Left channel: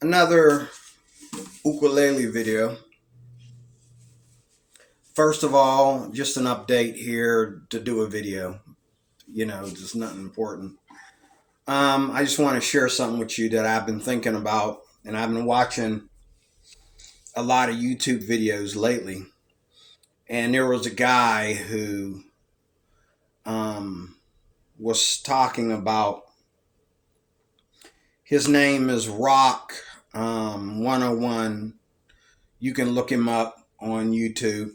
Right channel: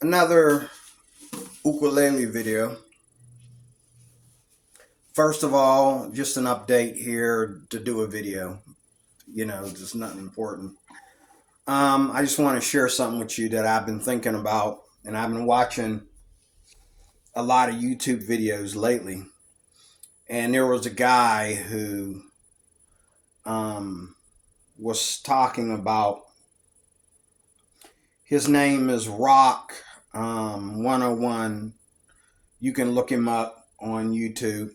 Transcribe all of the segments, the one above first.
Another ukulele video. First of all, just an update here to do a video. Just nothing important. I just want to share something with you that I've been thinking about, and I've been watching a lot of YouTube videos lately. And there was a guy who was talking about. His name is Rock 101. You can look him up on YouTube.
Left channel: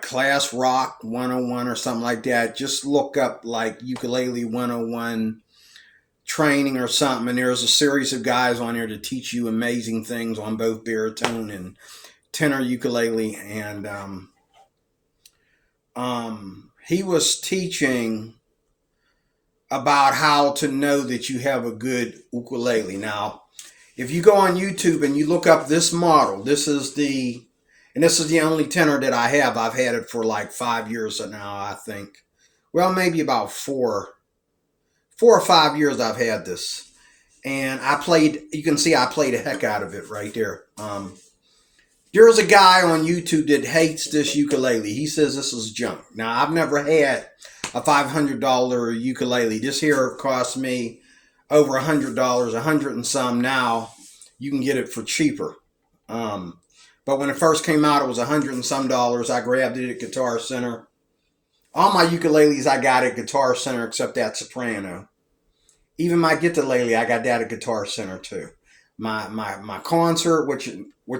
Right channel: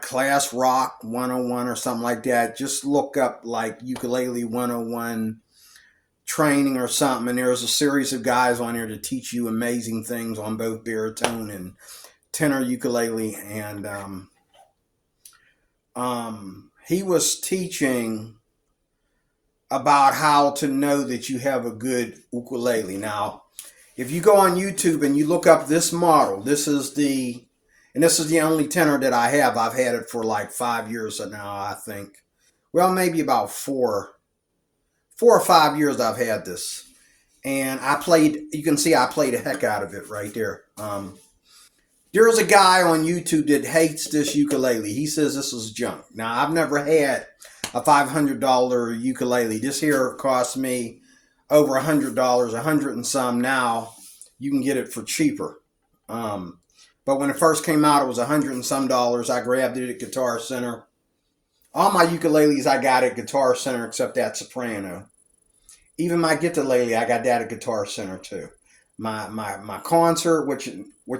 Class Rock 101 or something like that. Just look up like Ukulele 101 training or something, and there's a series of guys on there to teach you amazing things on both baritone and tenor ukulele. And he was teaching about how to know that you have a good ukulele. Now, if you go on YouTube and you look up this model, this is the only tenor that I have. I've had it for like 5 years now, I think. Well, maybe about 4 or 5 years I've had this. And you can see I played the heck out of it right there. There's a guy on YouTube that hates this ukulele. He says this is junk. Now, I've never had a $500 ukulele. This here cost me over $100, $100 and some. Now you can get it for cheaper. But when it first came out, it was $100 and some. I grabbed it at Guitar Center. All my ukuleles I got at Guitar Center except that soprano. Even my guitarlele, I got that at Guitar Center too. My concert, which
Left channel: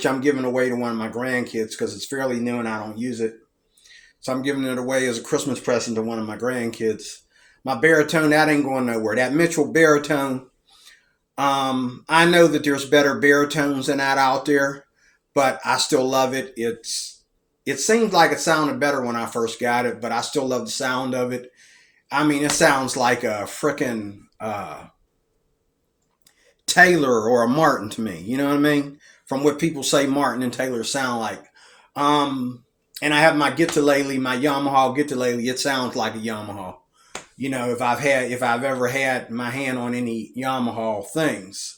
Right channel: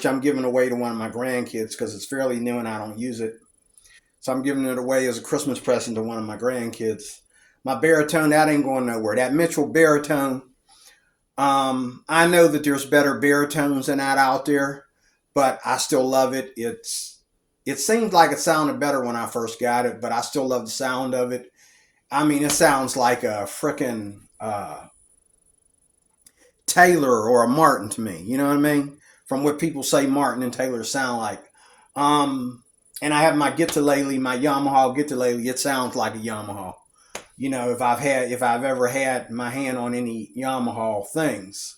I'm giving away to one of my grandkids because it's fairly new and I don't use it. So I'm giving it away as a Christmas present to one of my grandkids. My baritone, that ain't going nowhere. That Mitchell baritone, I know that there's better baritones than that out there, but I still love it. It seemed like it sounded better when I first got it, but I still love the sound of it. I mean, it sounds like a frickin' Taylor or a Martin to me. You know what I mean? From what people say Martin and Taylor sound like. And I have my guitarlele, my Yamaha guitarlele. It sounds like a Yamaha. If I've ever had my hand on any Yamaha things.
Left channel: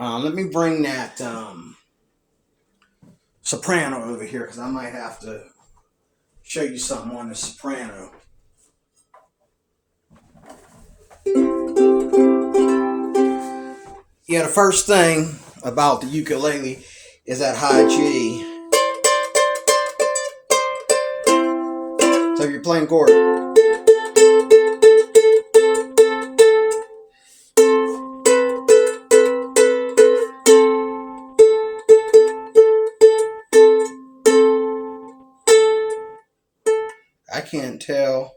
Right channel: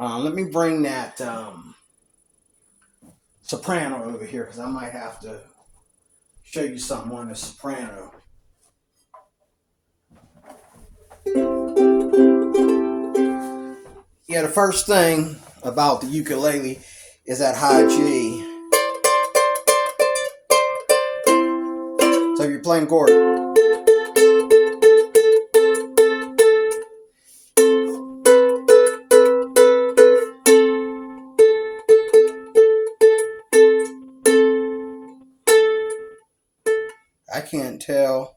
Let me bring that soprano over here because I might have to show you something on the soprano. Yeah, the first thing about the ukulele is that high G. So if you're playing chord, I can't tell.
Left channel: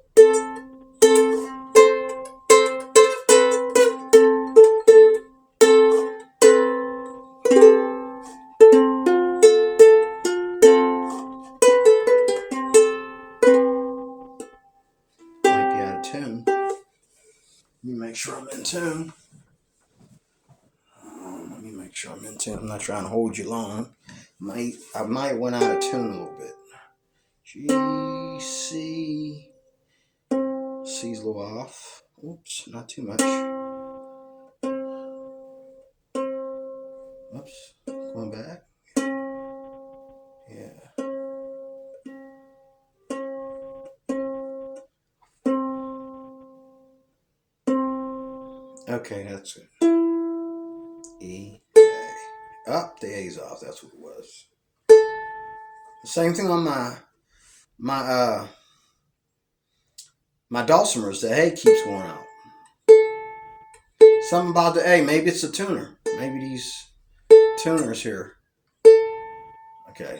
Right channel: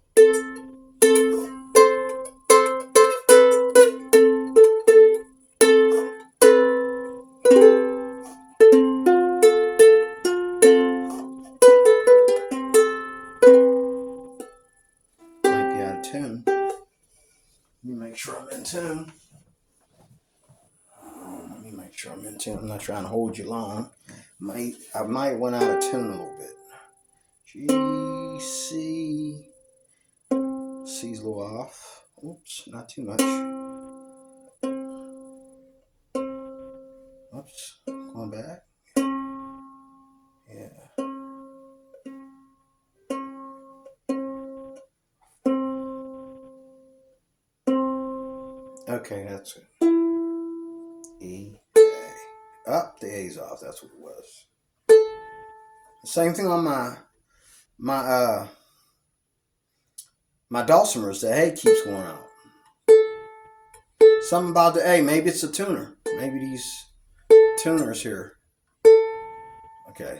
Tune. Let me make sure I'm in tune. I'm not trying to hold you long. I might went out of tune a little bit. G, C. C's a little off. Oops, not too much. Oops, going back. Yeah. Okay, that's good. E, A. Up, the A's off. That's what it was. The same thing on my dulcimers. The A keeps going out. Something about the A. Maybe it's a tuner. Maybe these tuners here. Okay.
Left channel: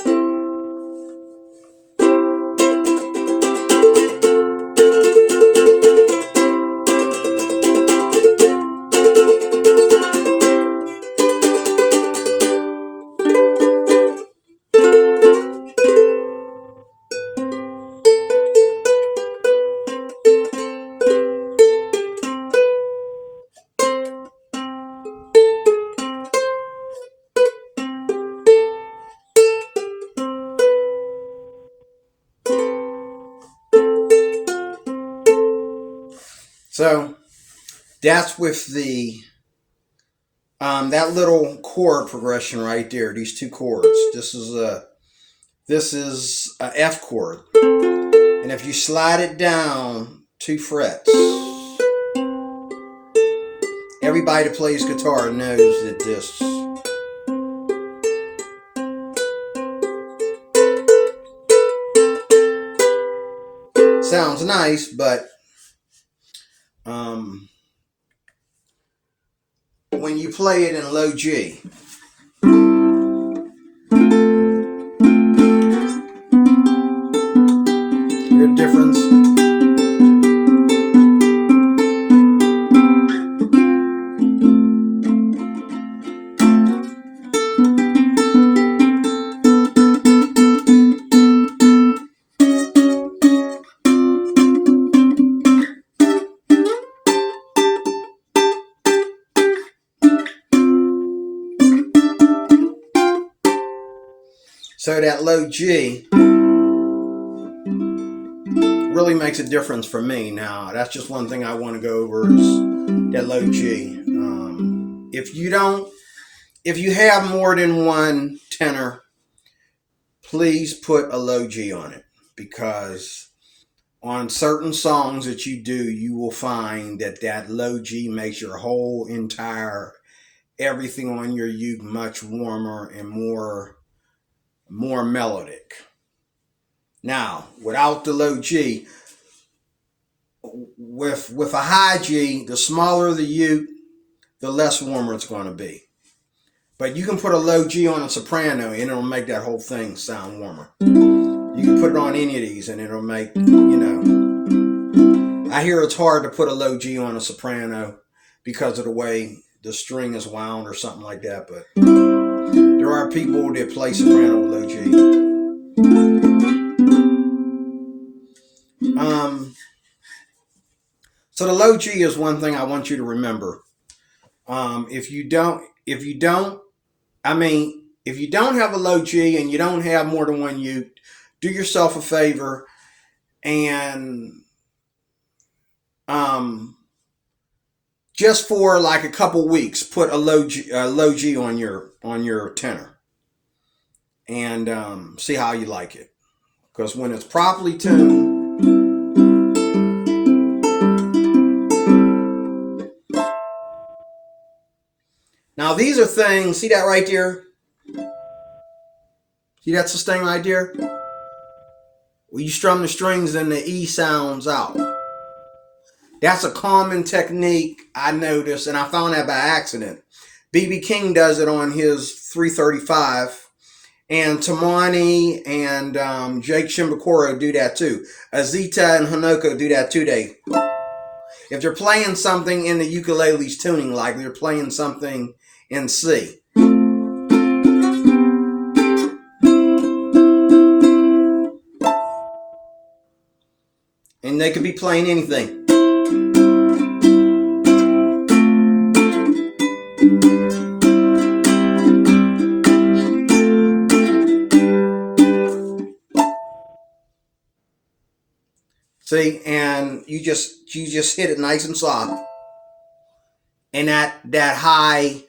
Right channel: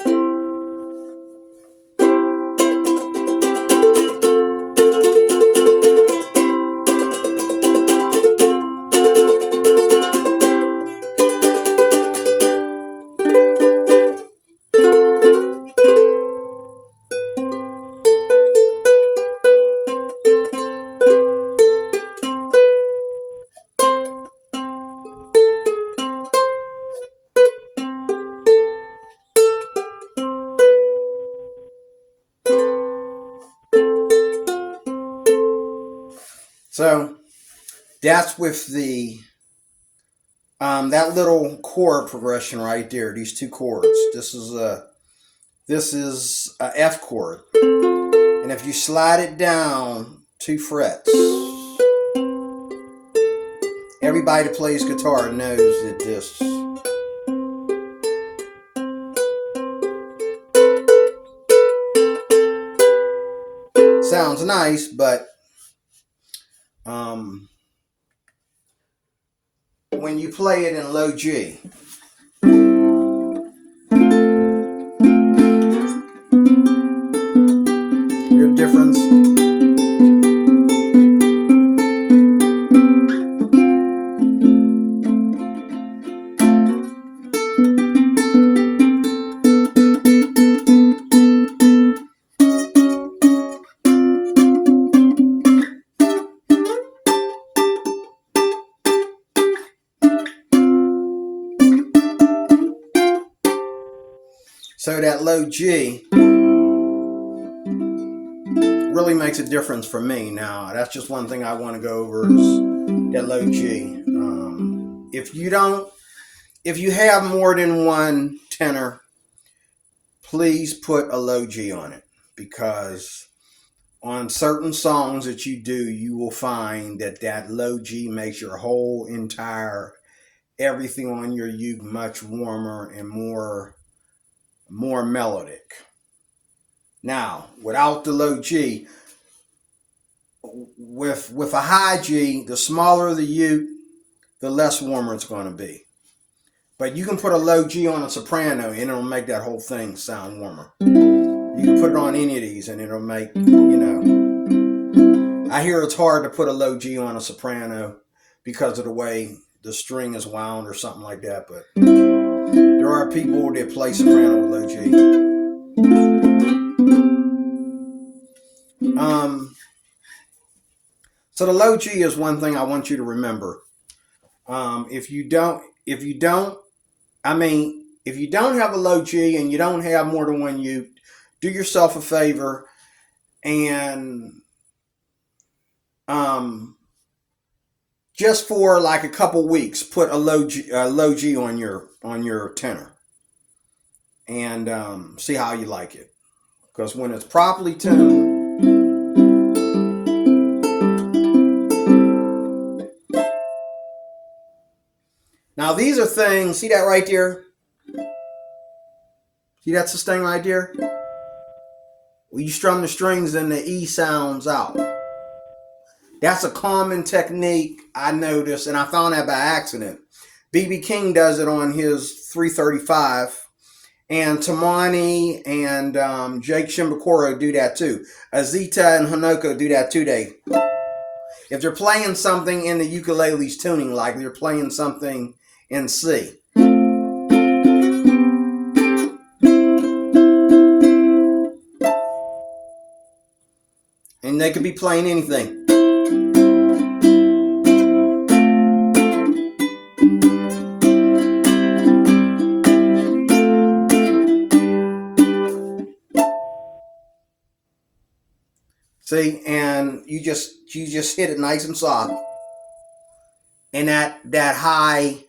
So that's with the that little chord progression right there, these two chords. This is a F chord, and if you slide it down 2 frets, everybody that plays guitar knows that this sounds nice, but when you play it in low G, hear the difference? So that low G really makes a difference for me. Now, that's just one thing I want to go over is that low G. If you have more than one tenor, please put a low G on it, because on certain songs that you do, you will find that low G makes your whole entire everything on your uke much warmer and more melodic. Now, without the low G, with a high G, the smaller the uke, the less warmer it's going to be. But you can put a low G on a soprano and it'll make that whole thing sound warmer. You can put it on any of these and it'll make, I hear it's hard to put a low G on a soprano because of the way the string is wound or something like that, but there are people that play soprano with low G. So the low G is one thing I want you to remember. If you don't have a low G and you don't have more than one uke, do yourself a favor and just for like a couple weeks, put a low G on your tenor and see how you like it. Because when it's properly tuned, now these are things, see that right there? See that sustain right there? When you strum the strings and the E sounds out. That's a common technique I noticed, and I found that by accident. B.B. King does it on his 335, and Tamani and Jake Shimbakuro do that too. Azita and Hanoko do that too. If they're playing something in the ukulele's tuning, like they're playing something in C, and they could be playing anything. See, and you just hit it nice and soft, and that high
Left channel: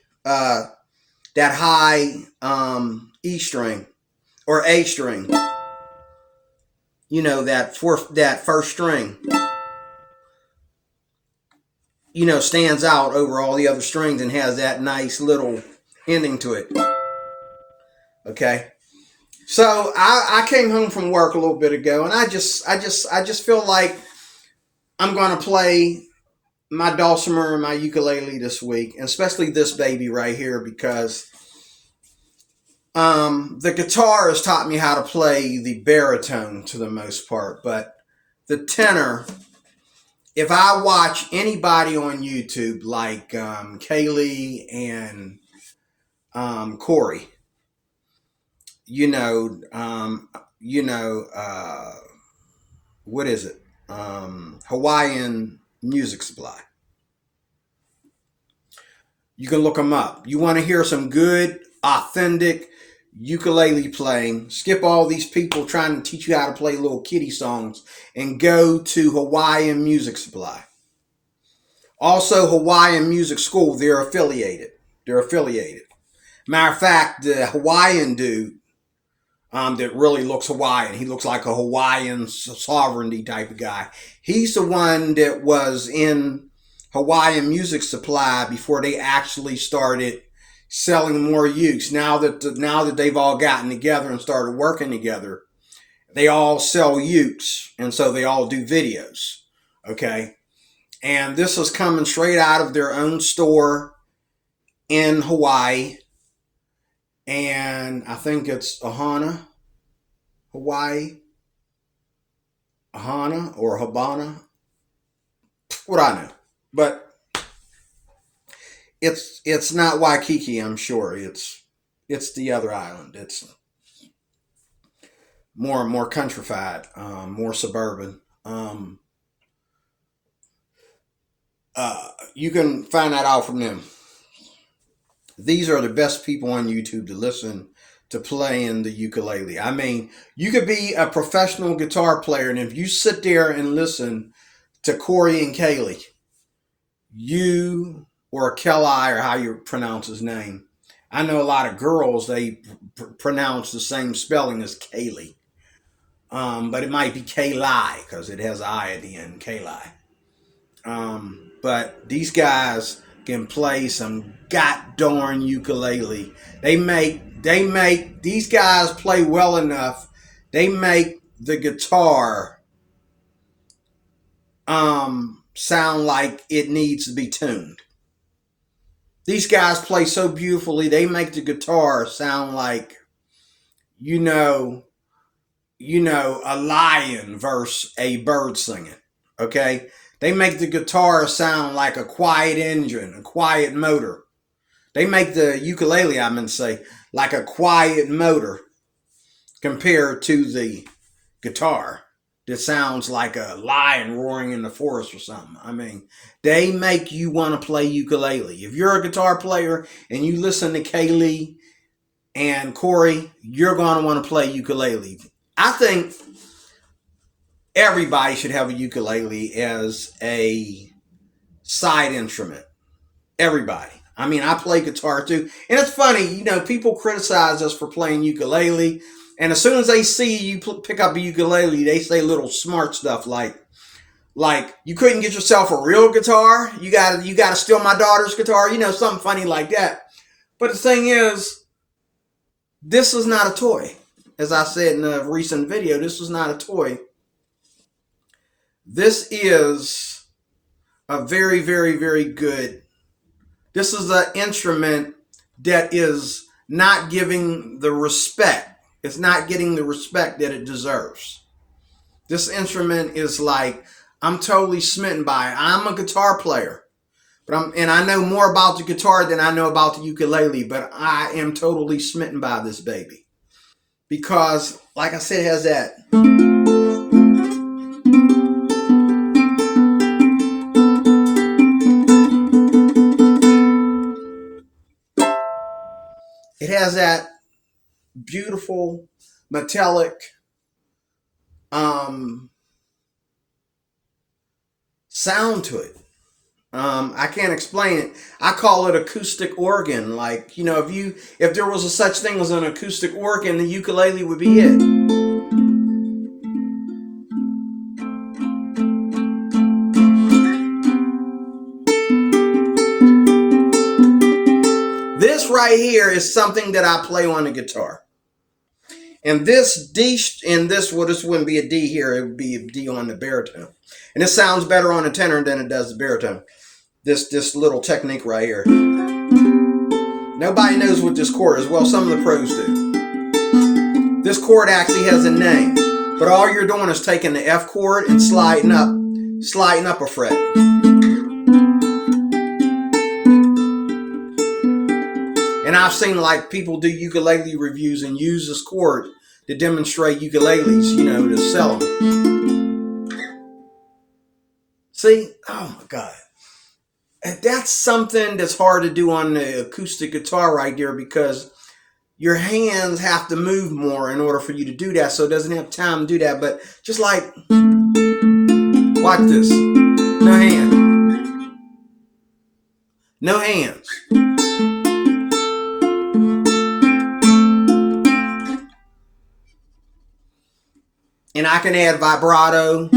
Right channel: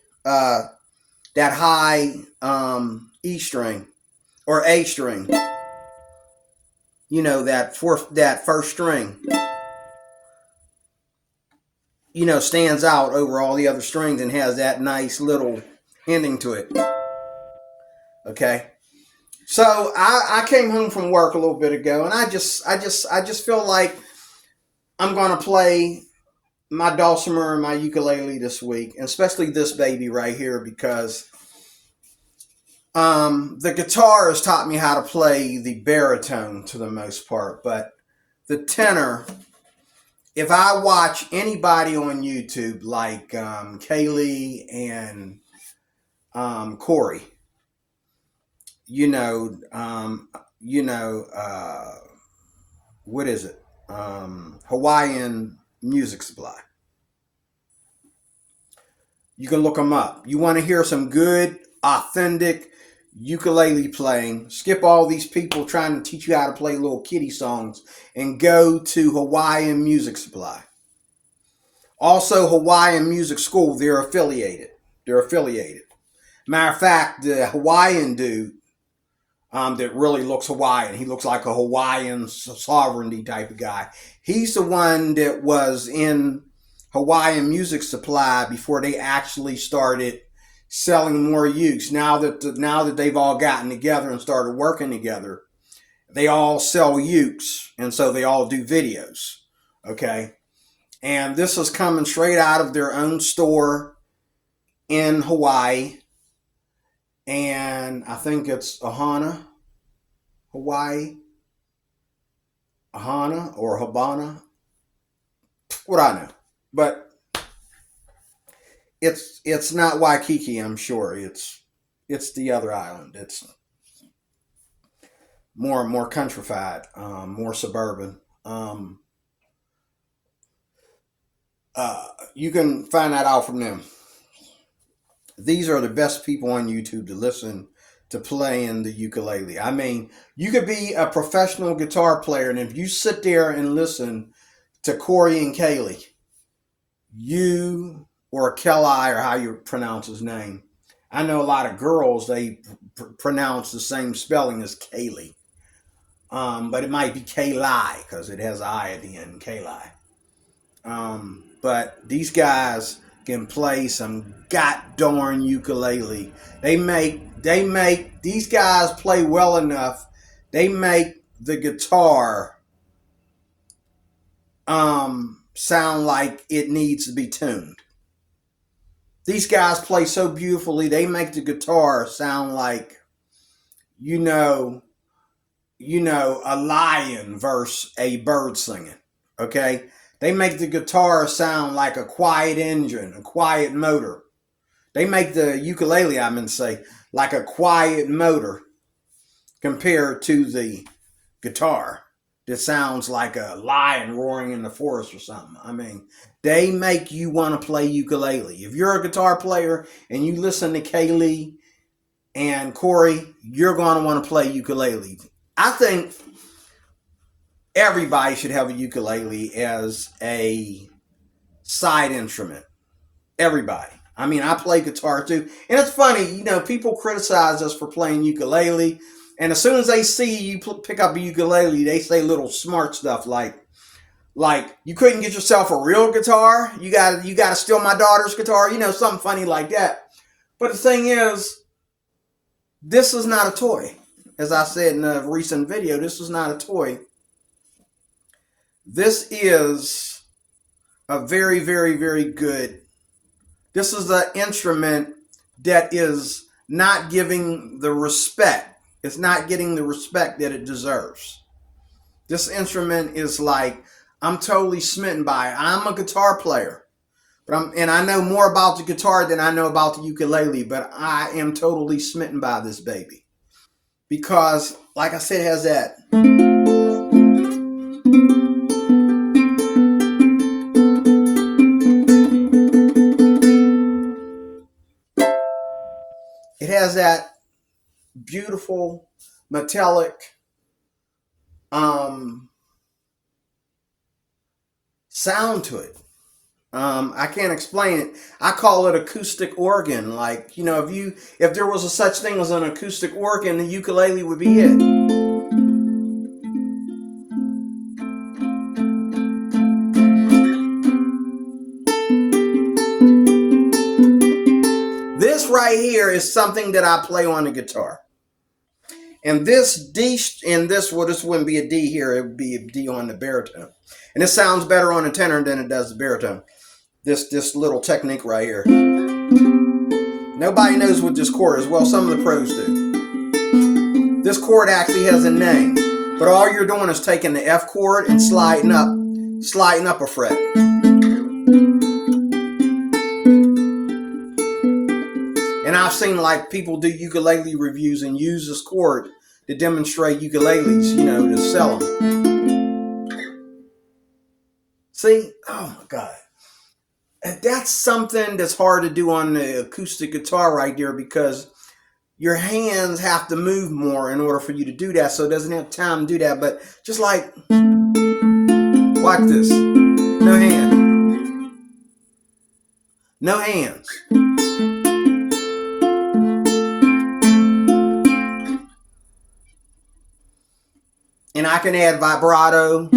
E string or A string, that first string, stands out over all the other strings and has that nice little ending to it. Okay. So I came home from work a little bit ago, and I just feel like I'm gonna play my dulcimer and my ukulele this week, and especially this baby right here, because the guitar has taught me how to play the baritone to the most part, but the tenor, if I watch anybody on YouTube like Kaylee and Corey, what is it? Hawaiian Music Supply. You can look them up. You want to hear some good, authentic ukulele playing, skip all these people trying to teach you how to play little kiddie songs and go to Hawaiian Music Supply. Also, Hawaiian Music School, they're affiliated. They're affiliated. Matter of fact, the Hawaiian dude that really looks Hawaiian. He looks like a Hawaiian sovereignty type of guy. He's the one that was in Hawaiian Music Supply before they actually started selling more ukes. Now that they've all gotten together and started working together, they all sell ukes, and so they all do videos. Okay, and this is coming straight out of their own store in Hawaii, and I think it's Ahana, Hawaii, Ahana or Habana. What I know, but it's not Waikiki. I'm sure it's the other island. It's more countrified, more suburban. You can find that out from them. These are the best people on YouTube to listen to playing the ukulele. I mean, you could be a professional guitar player, and if you sit there and listen to Corey and Kaylee, or Kelly, or how you pronounce his name. I know a lot of girls, they pronounce the same spelling as Kaylee. But it might be Kaylee because it has I at the end, Kaylee. But these guys can play some god-darn ukulele. These guys play well enough. They make the guitar sound like it needs to be tuned. These guys play so beautifully. They make the guitar sound like, a lion versus a bird singing. Okay? They make the guitar sound like a quiet engine, a quiet motor. They make the ukulele, I meant to say, like a quiet motor compared to the guitar that sounds like a lion roaring in the forest or something. I mean, they make you want to play ukulele. If you're a guitar player and you listen to Kaylee and Corey, you're going to want to play ukulele. I think everybody should have a ukulele as a side instrument. Everybody. I mean, I play guitar too. And it's funny, people criticize us for playing ukulele. And as soon as they see you pick up a ukulele, they say little smart stuff like you couldn't get yourself a real guitar. You got to steal my daughter's guitar. Something funny like that. But the thing is, this is not a toy. As I said in a recent video, this is not a toy. This is a very, very, very good. This is an instrument that is not giving the respect. It's not getting the respect that it deserves. This instrument is like, I'm totally smitten by it. I'm a guitar player, and I know more about the guitar than I know about the ukulele, but I am totally smitten by this baby. Because, like I said, it has that. It has that beautiful metallic sound to it. I can't explain it. I call it acoustic organ. Like, if there was a such thing as an acoustic organ, the ukulele would be it. This right here is something that I play on the guitar. And this D, this wouldn't be a D here, it would be a D on the baritone. And it sounds better on the tenor than it does the baritone. This little technique right here. Nobody knows what this chord is. Well, some of the pros do. This chord actually has a name. But all you're doing is taking the F chord and sliding up a fret. And I've seen people do ukulele reviews and use this chord to demonstrate ukuleles, to sell them. See? Oh my God. And that's something that's hard to do on the acoustic guitar right there, because your hands have to move more in order for you to do that, so it doesn't have time to do that. But just watch this. No hands. No hands. and I can add vibrato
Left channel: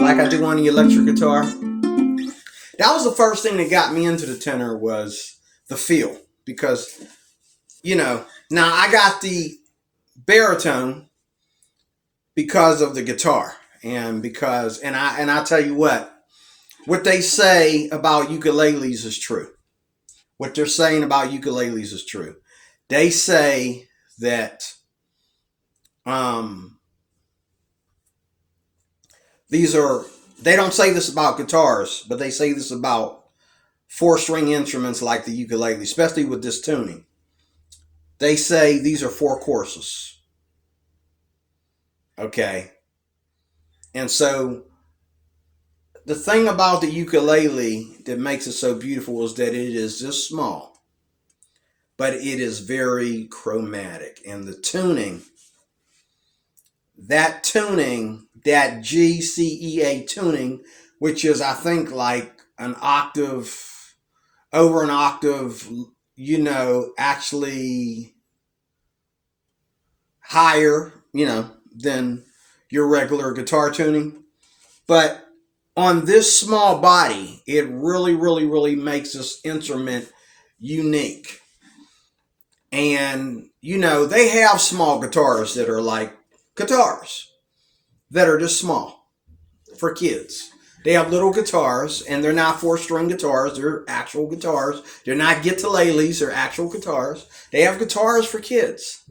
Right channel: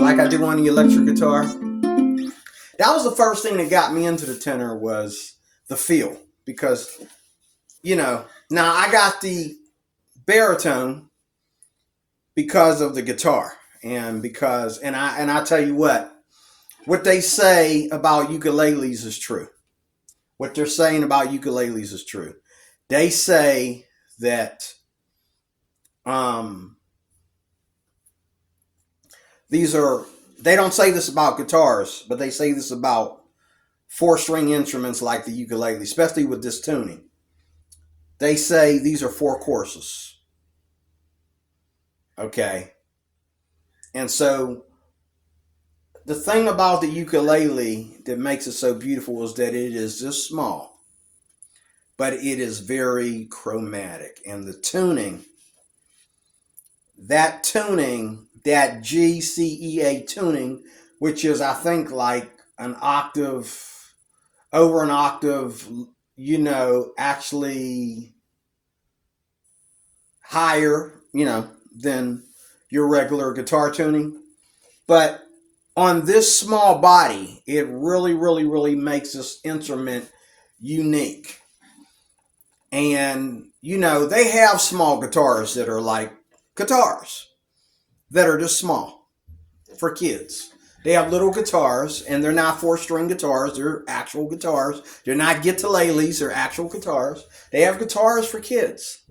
like I do on the electric guitar. That was the first thing that got me into the tenor, was the feel. Because, now I got the baritone because of the guitar, and I tell you what they say about ukuleles is true. What they're saying about ukuleles is true. They say that these are, they don't say this about guitars, but they say this about 4-string instruments like the ukulele, especially with this tuning. They say these are 4 courses. Okay. And so the thing about the ukulele that makes it so beautiful is that it is just small, but it is very chromatic. And the tuning, that G, C, E, A tuning, which is, I think, like an octave, over an octave, actually higher, than your regular guitar tuning. But on this small body, it really, really, really makes this instrument unique. And, they have small guitars that are like guitars that are just small for kids. They have little guitars, and they're not 4-string guitars. They're actual guitars. They're not ukuleles. They're actual guitars. They have guitars for kids.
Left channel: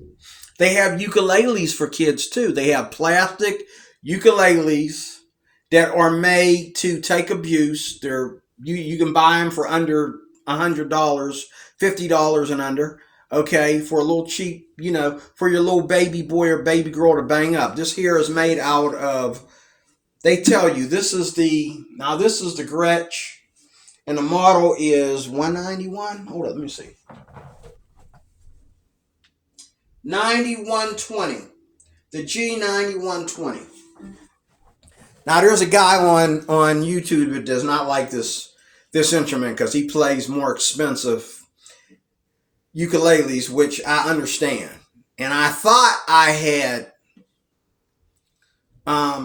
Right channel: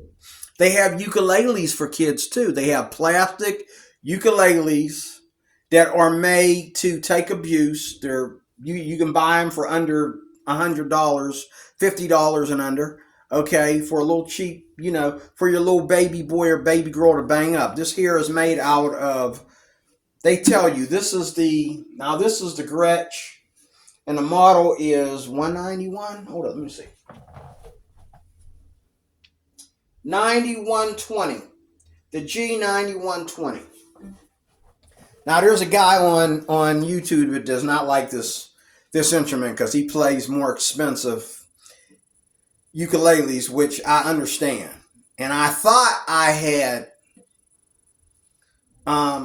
They have ukuleles for kids, too. They have plastic ukuleles that are made to take abuse. You can buy them for under $100, $50 and under. Okay, for a little cheap, for your little baby boy or baby girl to bang up. This here is made out of, they tell you, this is the Gretsch, and the model is 191. Hold on, let me see. 9120. The G9120. Now, there's a guy on YouTube that does not like this instrument because he plays more expensive ukuleles, which I understand. And I thought I had, I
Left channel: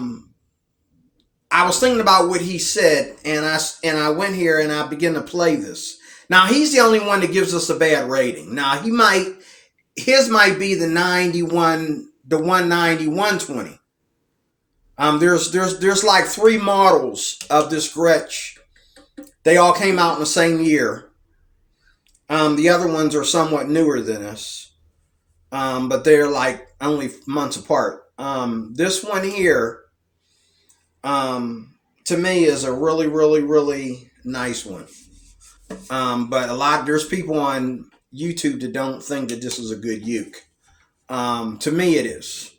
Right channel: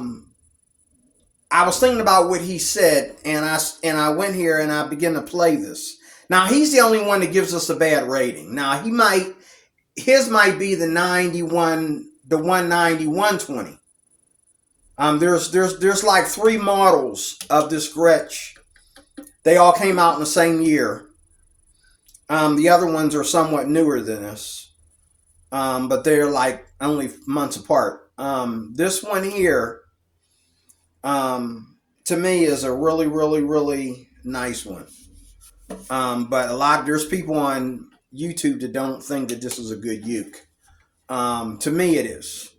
was thinking about what he said, and I went here and I began to play this. Now, he's the only one that gives us a bad rating. Now, his might be the 190-120. There's like 3 models of this Gretsch. They all came out in the same year. The other ones are somewhat newer than this, but they're like only months apart. This one here, to me, is a really, really, really nice one. But there's people on YouTube that don't think that this is a good uke. To me, it is.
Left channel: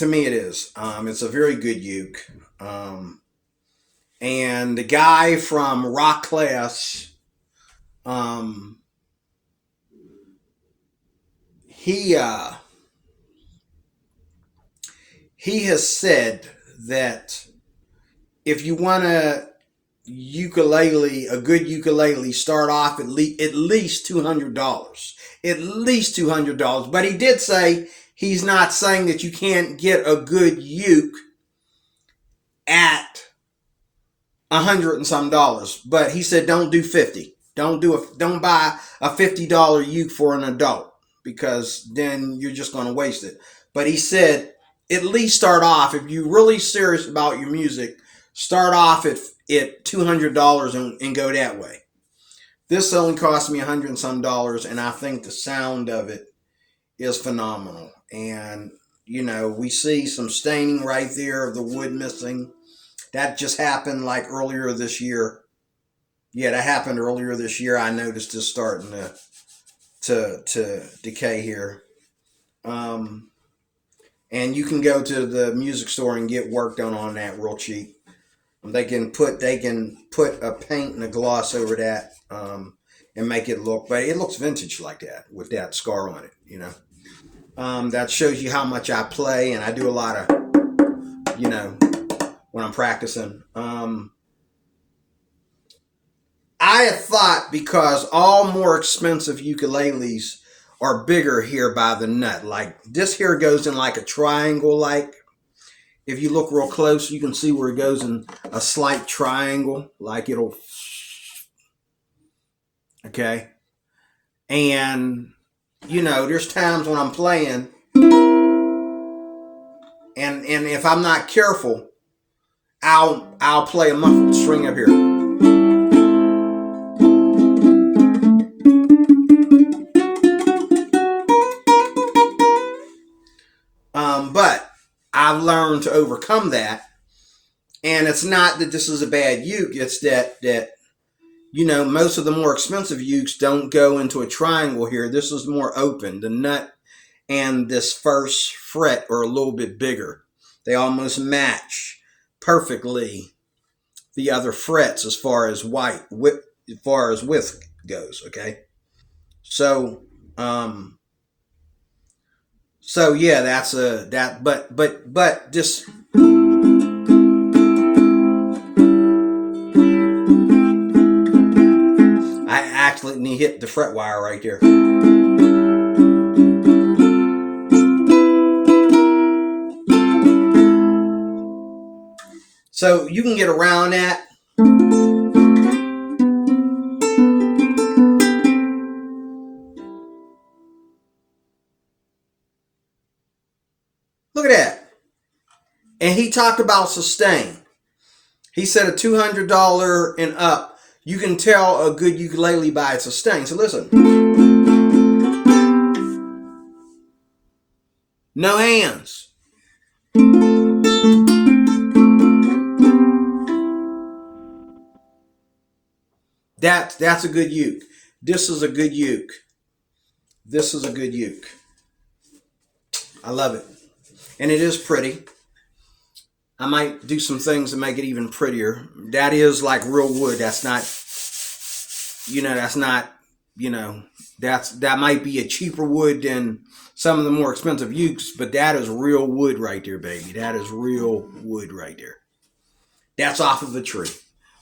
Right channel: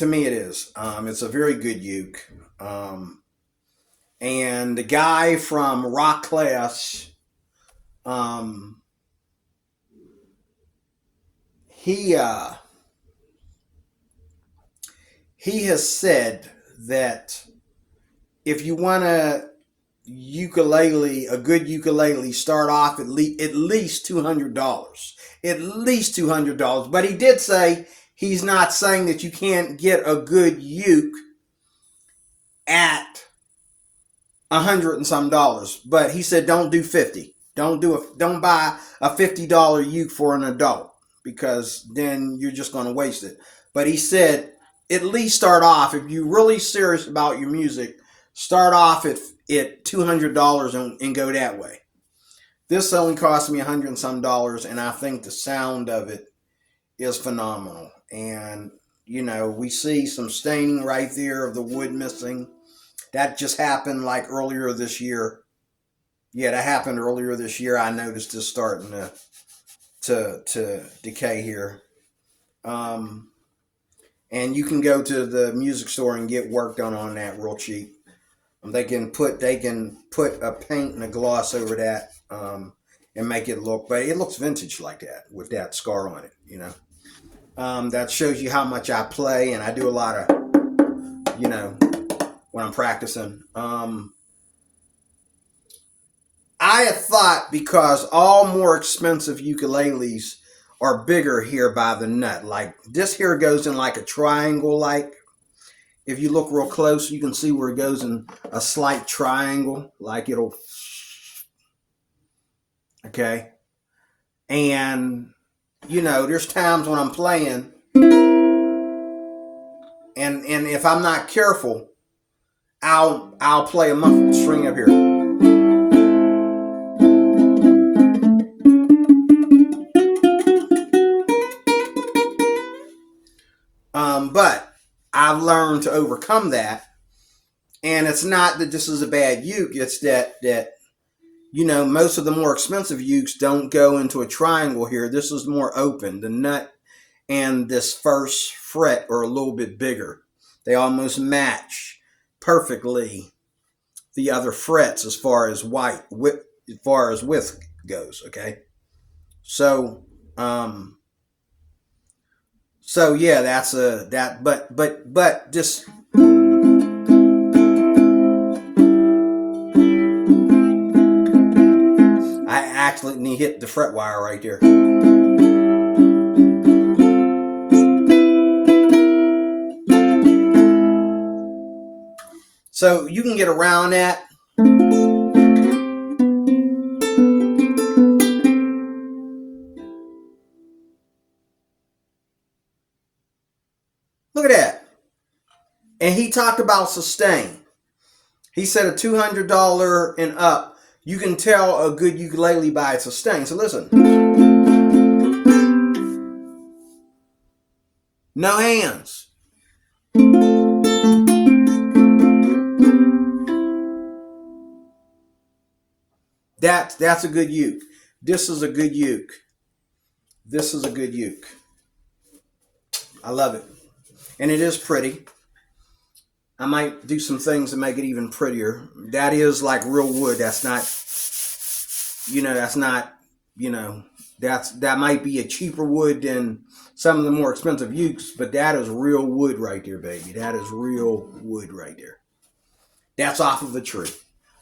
It's a very good uke. And the guy from Rock Class, he has said that if you want a good ukulele, start off at least $200. At least $200. But he did say he's not saying that you can't get a good uke at $100 and some dollars. But he said don't do 50. Don't buy a $50 uke for an adult, because then you're just going to waste it. But he said at least start off, if you're really serious about your music, start off at $200 and go that way. This only cost me $100 and some dollars, and I think the sound of it is phenomenal. And we see some staining right there of the wood missing. That just happened like earlier this year. Yeah, that happened earlier this year. I noticed this starting to decay here. And you can go to the music store and get work done on that real cheap. They can put a paint and a gloss over that, and make it look, but it looks vintage like that with that scar on it. That shows you how much I play, and I do a lot of, when I'm practicing. I had thought, because all more expensive ukuleles are bigger here by the nut. Like this here goes in like a triangle. Like if you look real close, you can see where it goes in a slight triangle. Like it'll, okay. And you know, there's times when I'm playing, and if I'm not careful, I'll play a muffled string up here. But I've learned to overcome that. And it's not that this is a bad uke. It's that you know, most of the more expensive ukes don't go into a triangle here. This is more open. The nut and this first fret are a little bit bigger. They almost match perfectly the other frets as far as width goes. Okay, so so yeah, that's a that. But just I actually hit the fret wire right there. So you can get around that. Look at that. And he talked about sustain. He said a $200 and up, you can tell a good ukulele by its sustain. So listen. No hands. That's a good uke. This is a good uke. This is a good uke. I love it. And it is pretty. I might do some things to make it even prettier. That is like real wood. That's not, that might be a cheaper wood than some of the more expensive ukes, but that is real wood right there, baby. That is real wood right there. That's off of the tree.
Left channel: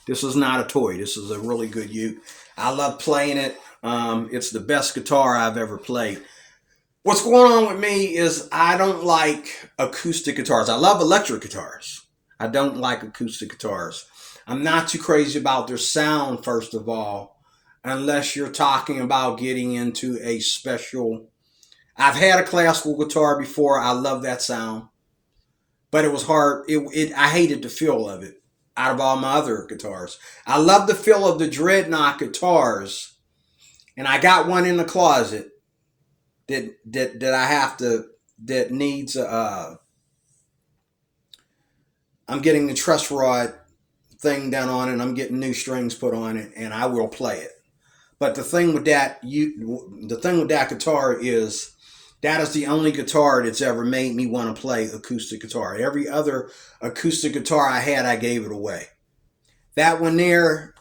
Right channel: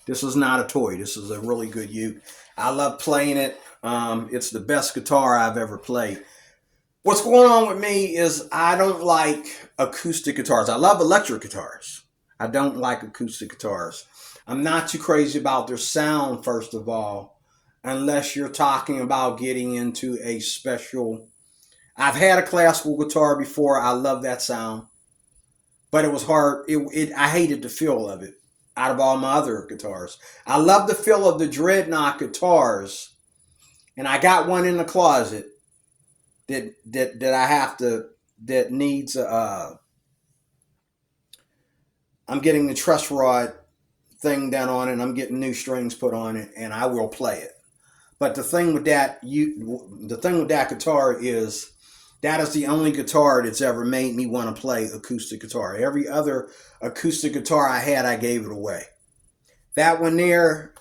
This is not a toy. This is a really good uke. I love playing it. It's the best guitar I've ever played. What's going on with me is I don't like acoustic guitars. I love electric guitars. I don't like acoustic guitars. I'm not too crazy about their sound, first of all, unless you're talking about getting into a special. I've had a classical guitar before. I love that sound, but it was hard. I hated the feel of it out of all my other guitars. I love the feel of the Dreadnought guitars, and I got one in the closet that I have to, that needs I'm getting the truss rod thing done on it, and I'm getting new strings put on it, and I will play it. But the thing with that guitar is that is the only guitar that's ever made me want to play acoustic guitar. Every other acoustic guitar I had, I gave it away. That one there,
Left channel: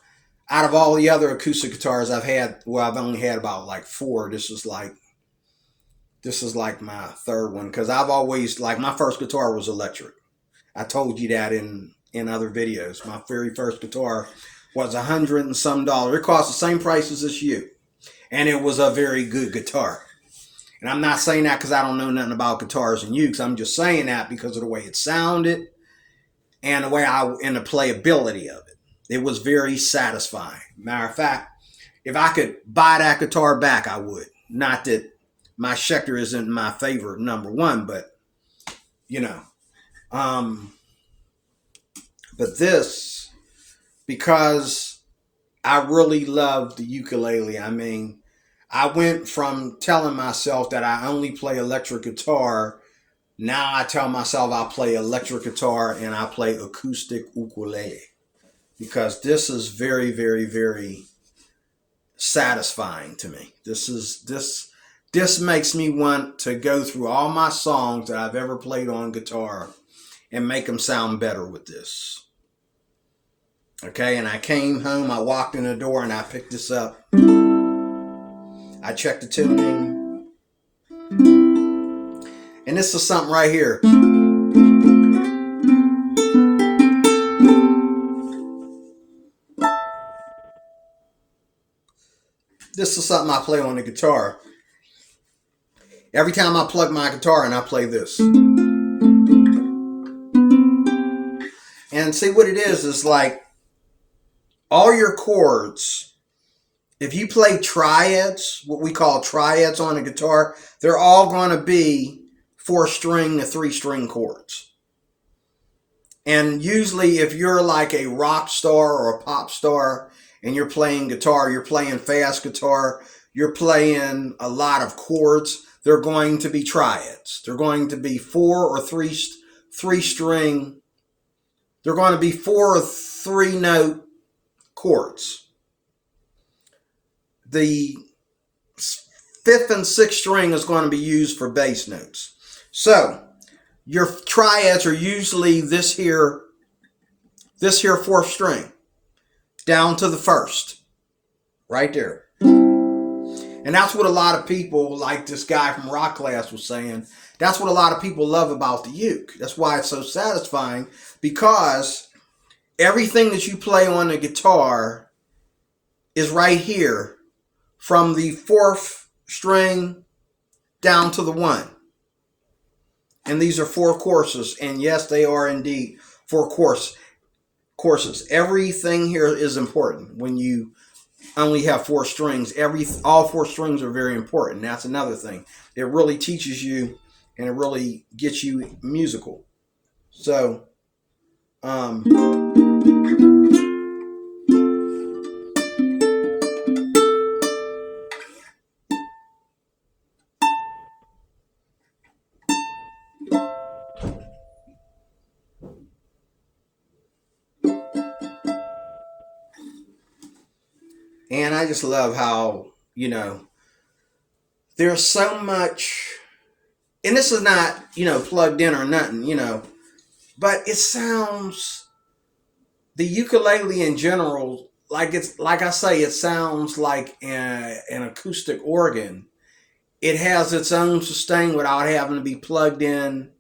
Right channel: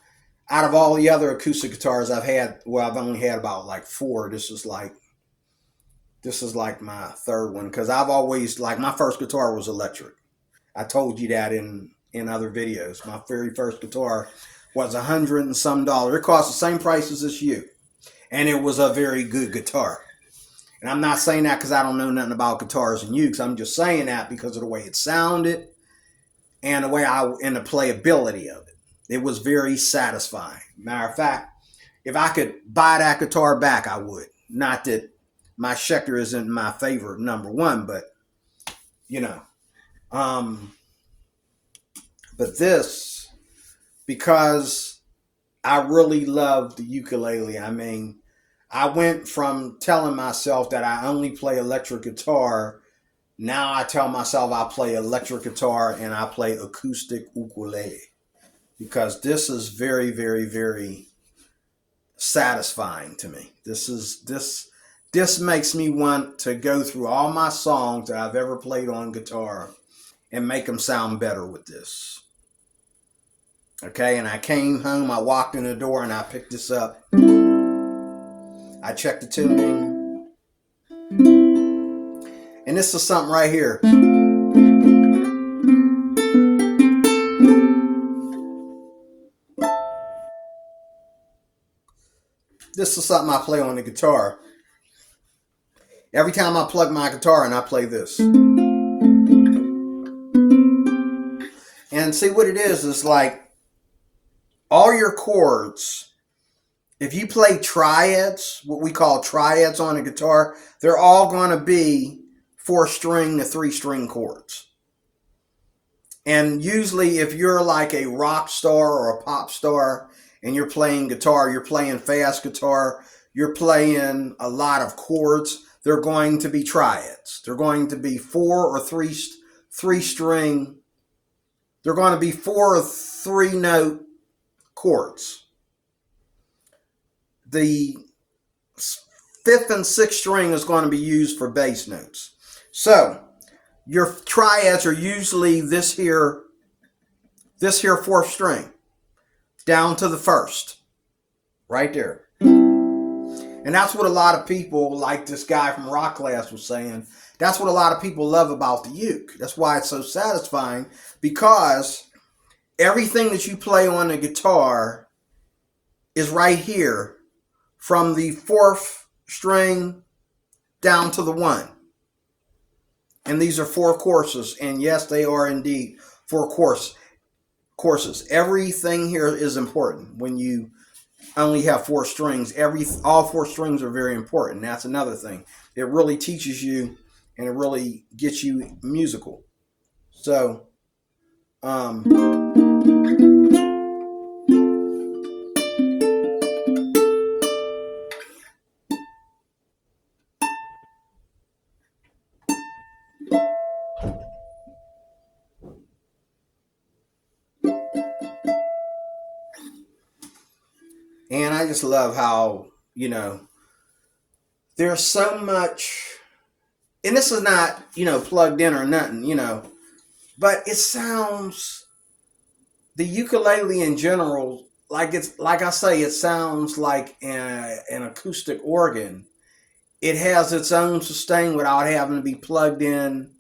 out of all the other acoustic guitars I've had, well, I've only had about like 4. This is like my third one, because I've always, like, my first guitar was electric. I told you that in other videos. My very first guitar was $100 and some. It cost the same price as this uke, and it was a very good guitar. And I'm not saying that because I don't know nothing about guitars and ukes. I'm just saying that because of the way it sounded and the way and the playability of it. It was very satisfying. Matter of fact, if I could buy that guitar back, I would. Not that my Schecter isn't my favorite number one, but you know, but this, because I really love the ukulele. I mean, I went from telling myself that I only play electric guitar. Now I tell myself I play electric guitar and I play acoustic ukulele, because this is very, very, very satisfying to me. This makes me want to go through all my songs that I've ever played on guitar and make them sound better with this. Okay, and I came home, I walked in the door, and I picked this up. I checked the tuning. And this is something right here. This is something I play on the guitar. Every time I plug my guitar in, I play this. And see what it is like all your chords, if you play triads, what we call triads on a guitar, they're all going to be 4-string to 3-string chords. And usually if you're like a rock star or a pop star and you're playing guitar, you're playing fast guitar, you're playing a lot of chords, they're going to be triads. They're going to be 4 or 3-string. They're going to be 4 or 3-note chords. The 5th and 6th string is going to be used for bass notes. So your triads are usually this here 4th string down to the 1st, right there. And that's what a lot of people, like this guy from rock class was saying, that's what a lot of people love about the uke. That's why it's so satisfying, because everything that you play on the guitar is right here from the 4th string down to the 1. And these are 4 courses. And yes, they are indeed 4 courses. Everything here is important when you only have 4 strings. All 4 strings are very important. That's another thing. It really teaches you and it really gets you musical. So, and I just love how, there's so much, and this is not, plugged in or nothing, but it sounds, the ukulele in general, like I say, it sounds like an acoustic organ. It has its own sustain without having to be plugged in.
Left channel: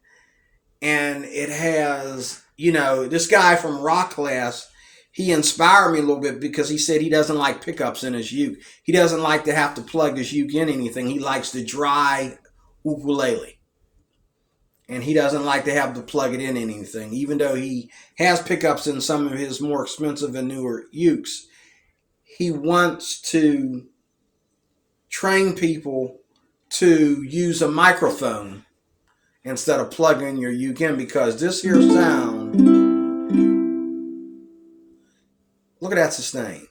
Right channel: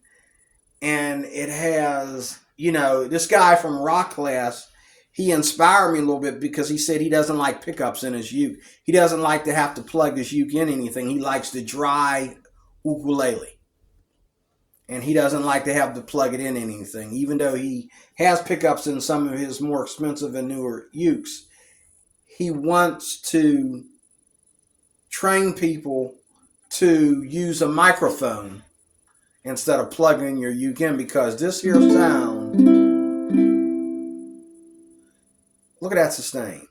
And it has, this guy from rock class, he inspired me a little bit because he said he doesn't like pickups in his uke. He doesn't like to have to plug his uke in anything. He likes the dry ukulele. And he doesn't like to have to plug it in anything. Even though he has pickups in some of his more expensive and newer ukes, he wants to train people to use a microphone instead of plugging your uke in, because this here sound, look at that sustain.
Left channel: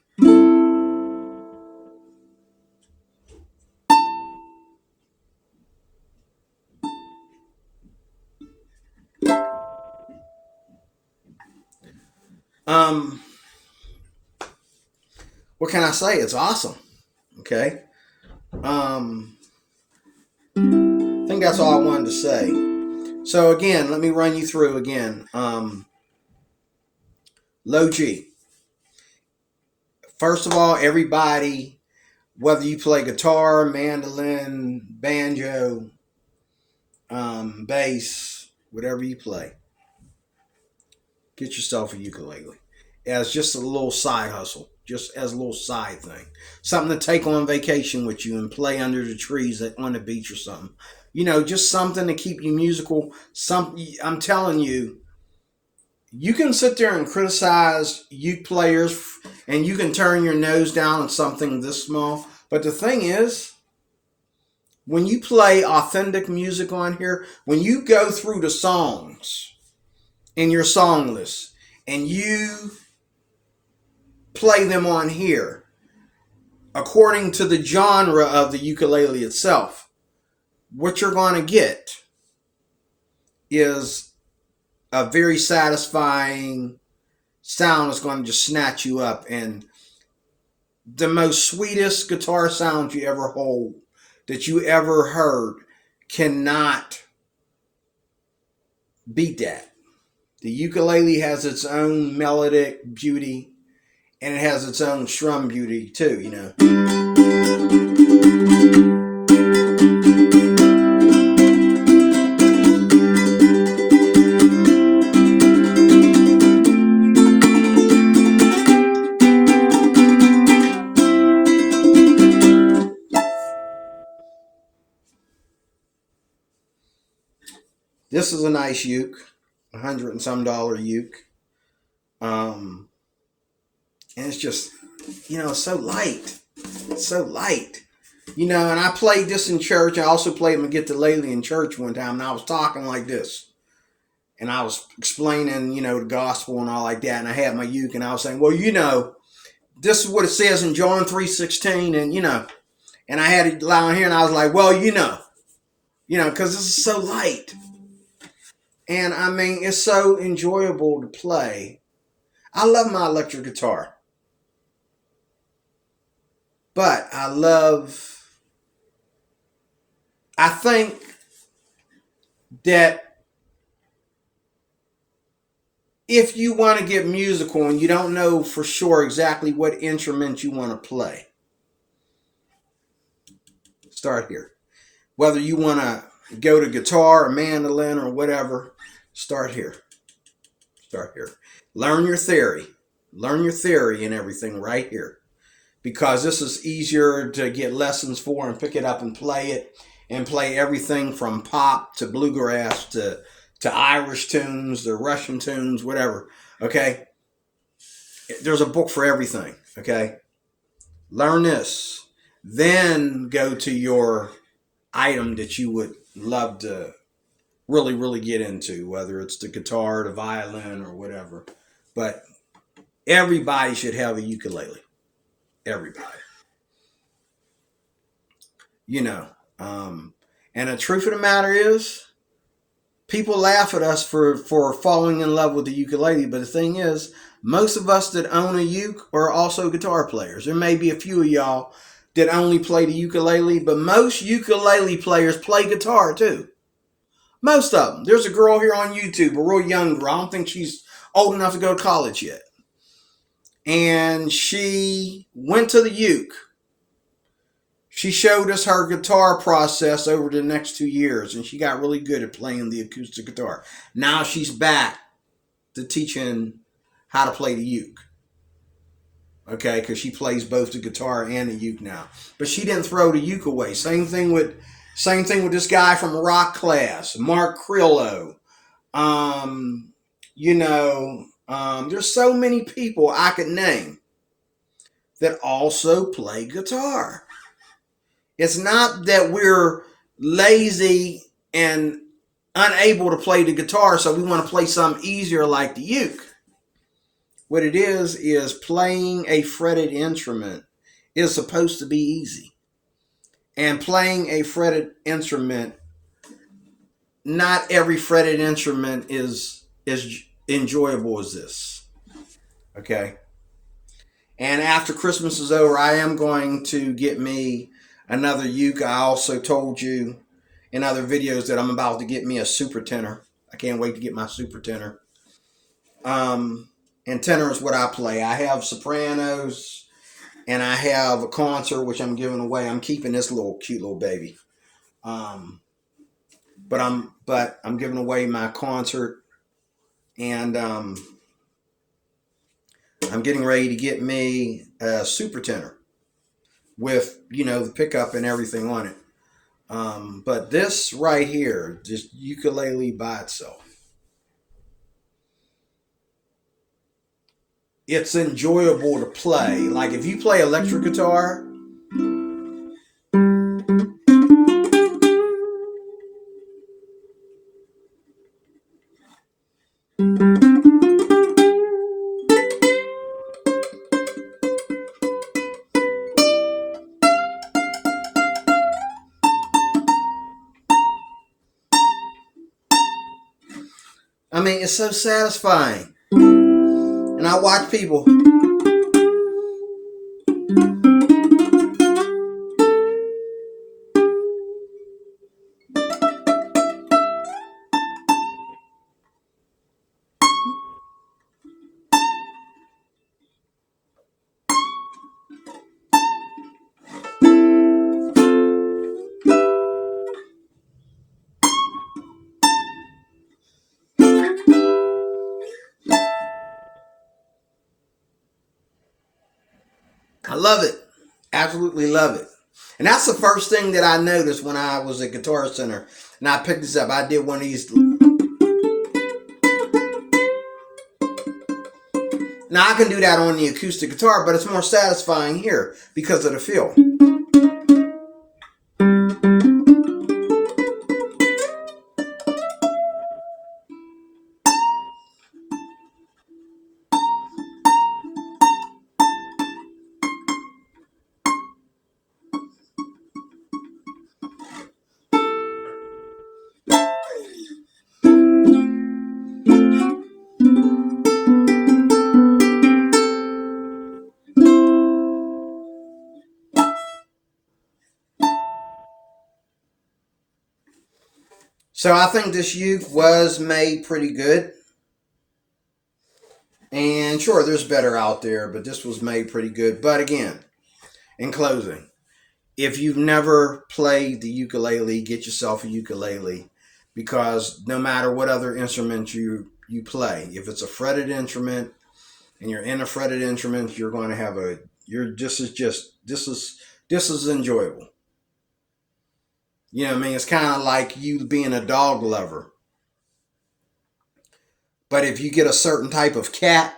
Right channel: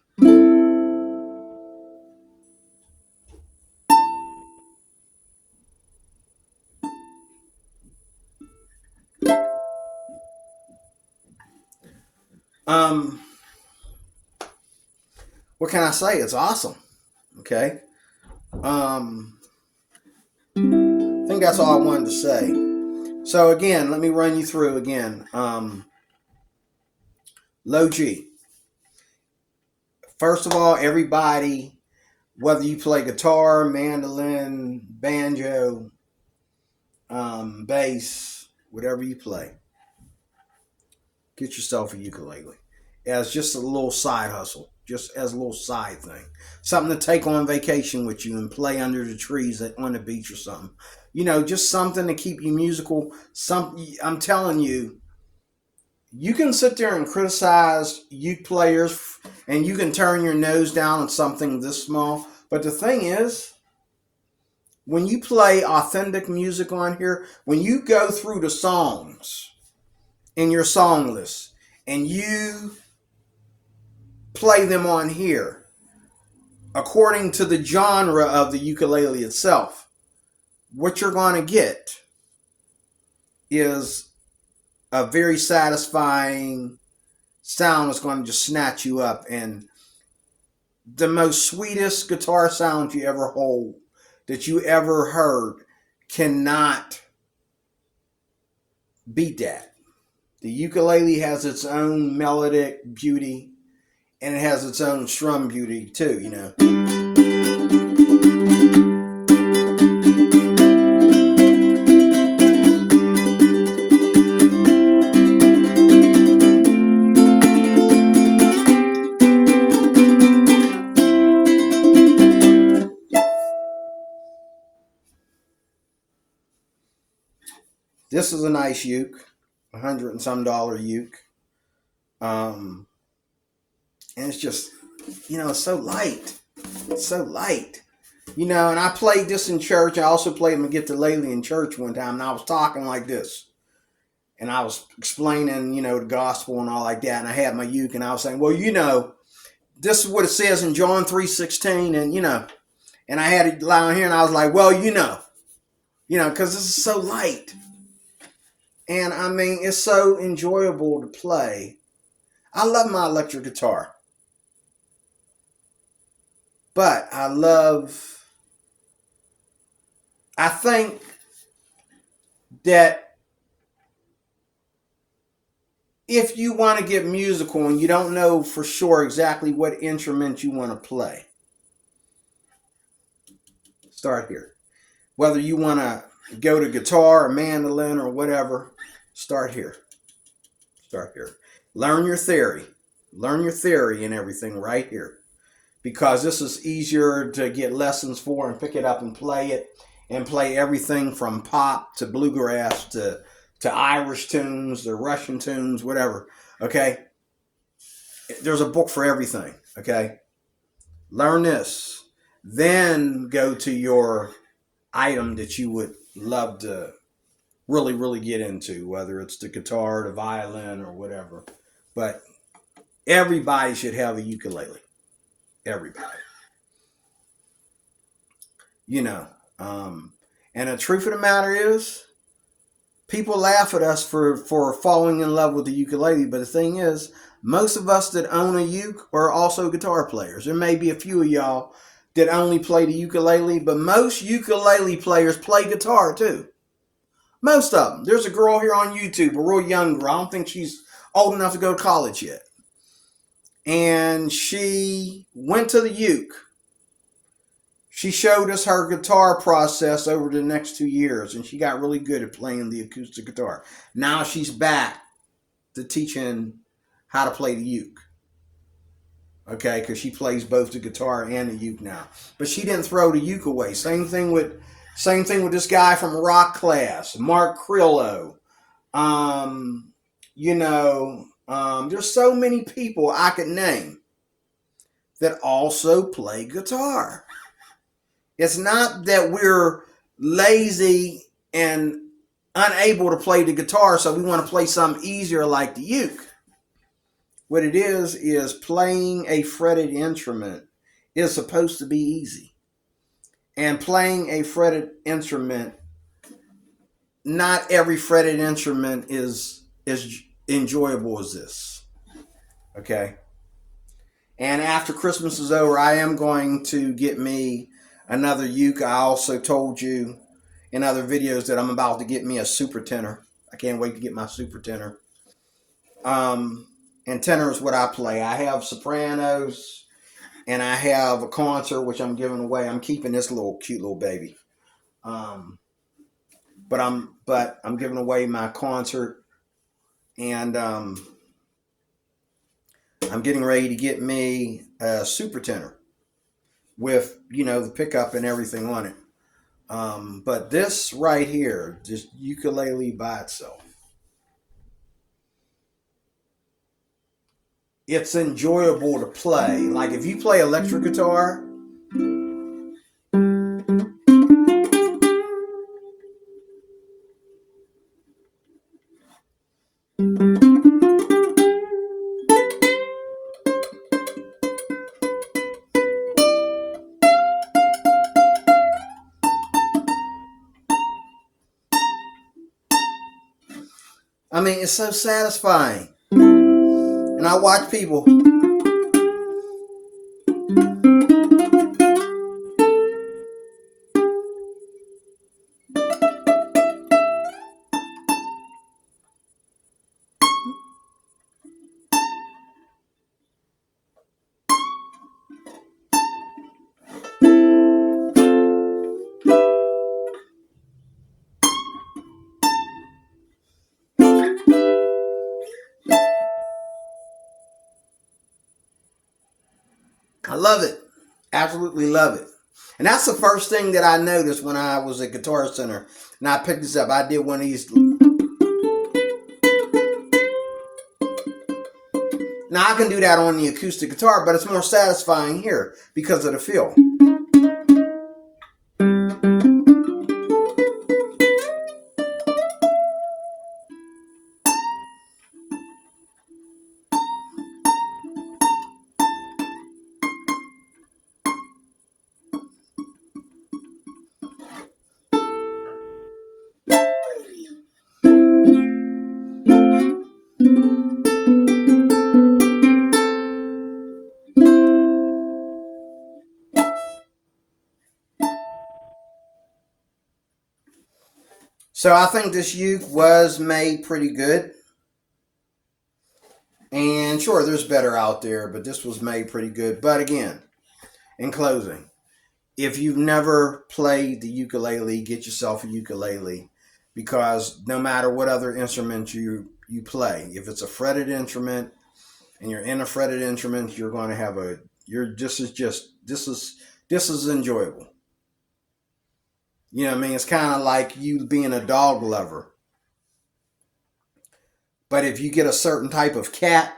What can I say? It's awesome. Okay. I think that's all I wanted to say. So again, let me run you through again. Low G. First of all, everybody, whether you play guitar, mandolin, banjo, bass, whatever you play, get yourself a ukulele as just a little side hustle, just as a little side thing. Something to take on vacation with you and play under the trees on the beach or something. Just something to keep you musical. I'm telling you, you can sit there and criticize uke players and you can turn your nose down at something this small. But the thing is, when you play authentic music on here, when you go through the songs in your song list and you play them on here according to the genre of the ukulele itself, what you're going to get is a very satisfying sound that's going to just snatch you up. And the most sweetest guitar sound you ever hold, that you ever heard, cannot beat that. The ukulele has its own melodic beauty, and it has its own strum beauty too, This is a nice uke, $100 and some uke. Um, and it's just, so light. It's so light. And I played this in church. I also played my ukulele in church one time, and I was talking like this. And I was explaining, the gospel and all like that. And I had my uke, and I was saying, well, this is what it says in John 3:16, and I had it down here, and I was like, well, because this is so light. And I mean, it's so enjoyable to play. I love my electric guitar. But I think that if you want to get musical and you don't know for sure exactly what instrument you want to play, start here. Whether you want to go to guitar or mandolin or whatever, start here. Start here. Learn your theory. Learn your theory and everything right here. Because this is easier to get lessons for and pick it up and play it. And play everything from pop to bluegrass to Irish tunes, to Russian tunes, whatever. Okay? There's a book for everything. Okay? Learn this. Then go to your item that you would love to really, really get into, whether it's the guitar, the violin, or whatever. But everybody should have a ukulele. Everybody. And the truth of the matter is, people laugh at us for falling in love with the ukulele, but the thing is, most of us that own a uke are also guitar players. There may be a few of y'all that only play the ukulele, but most ukulele players play guitar too. Most of them. There's a girl here on YouTube, a real young girl. I don't think she's old enough to go to college yet. And she went to the uke. She showed us her guitar process over the next 2 years, and she got really good at playing the acoustic guitar. Now she's back to teaching how to play the uke. Okay, because she plays both the guitar and the uke now. But she didn't throw the uke away. Same thing with this guy from rock class, Mark Crillo. There's so many people I could name that also play guitar. It's not that we're lazy and unable to play the guitar, so we want to play something easier like the uke. What it is playing a fretted instrument is supposed to be easy. And playing a fretted instrument, not every fretted instrument is as enjoyable as this. Okay? And after Christmas is over, I am going to get me another uke. I also told you in other videos that I'm about to get me a super tenor. I can't wait to get my super tenor. And tenor is what I play. I have sopranos, and I have a concert which I'm giving away. I'm keeping this cute little baby. But I'm giving away my concert, and I'm getting ready to get me a super tenor with the pickup and everything on it. But this right here, just ukulele by itself, it's enjoyable to play. Like if you play electric guitar, I mean, it's so satisfying. And I watch people. I love it. Absolutely love it. And that's the first thing that I noticed when I was at Guitar Center. And I picked this up. I did one of these Now I can do that on the acoustic guitar, but it's more satisfying here because of the feel. So I think this uke was made pretty good. And sure, there's better out there, but this was made pretty good. But again, in closing, if you've never played the ukulele, get yourself a ukulele, because no matter what other instrument you play, if it's a fretted instrument and you're in a fretted instrument, you're going to have this is enjoyable. You know what I mean? It's kind of like you being a dog lover. But if you get a certain type of cat,